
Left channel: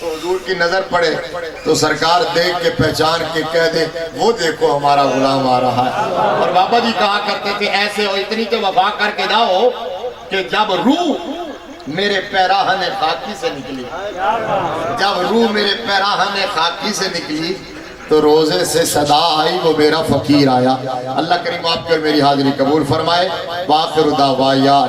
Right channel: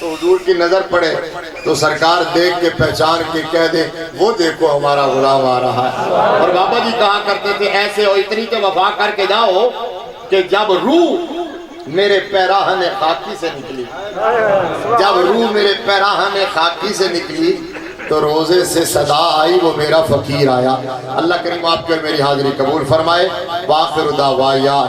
تو حضور کی نظر پڑے تو سرکار دیکھ کے پہچان کے کہہ دے وہ دیکھو ہمارا غلام آ رہا ہے۔ اور بابا جی کہا کرتے تھے ایسے ہو اتنی تو وفا کر کے جاؤ کہ جب روح میرے پیراہن خاکی سے نکلی، جب روح میرے پیراہن خاکی سے نکلی تو روزے سے صدا آئی وہ میرا فقیر آیا۔ اللہ کریم آپ کر میری حاضری قبول فرمائے۔ وآخر دعوانا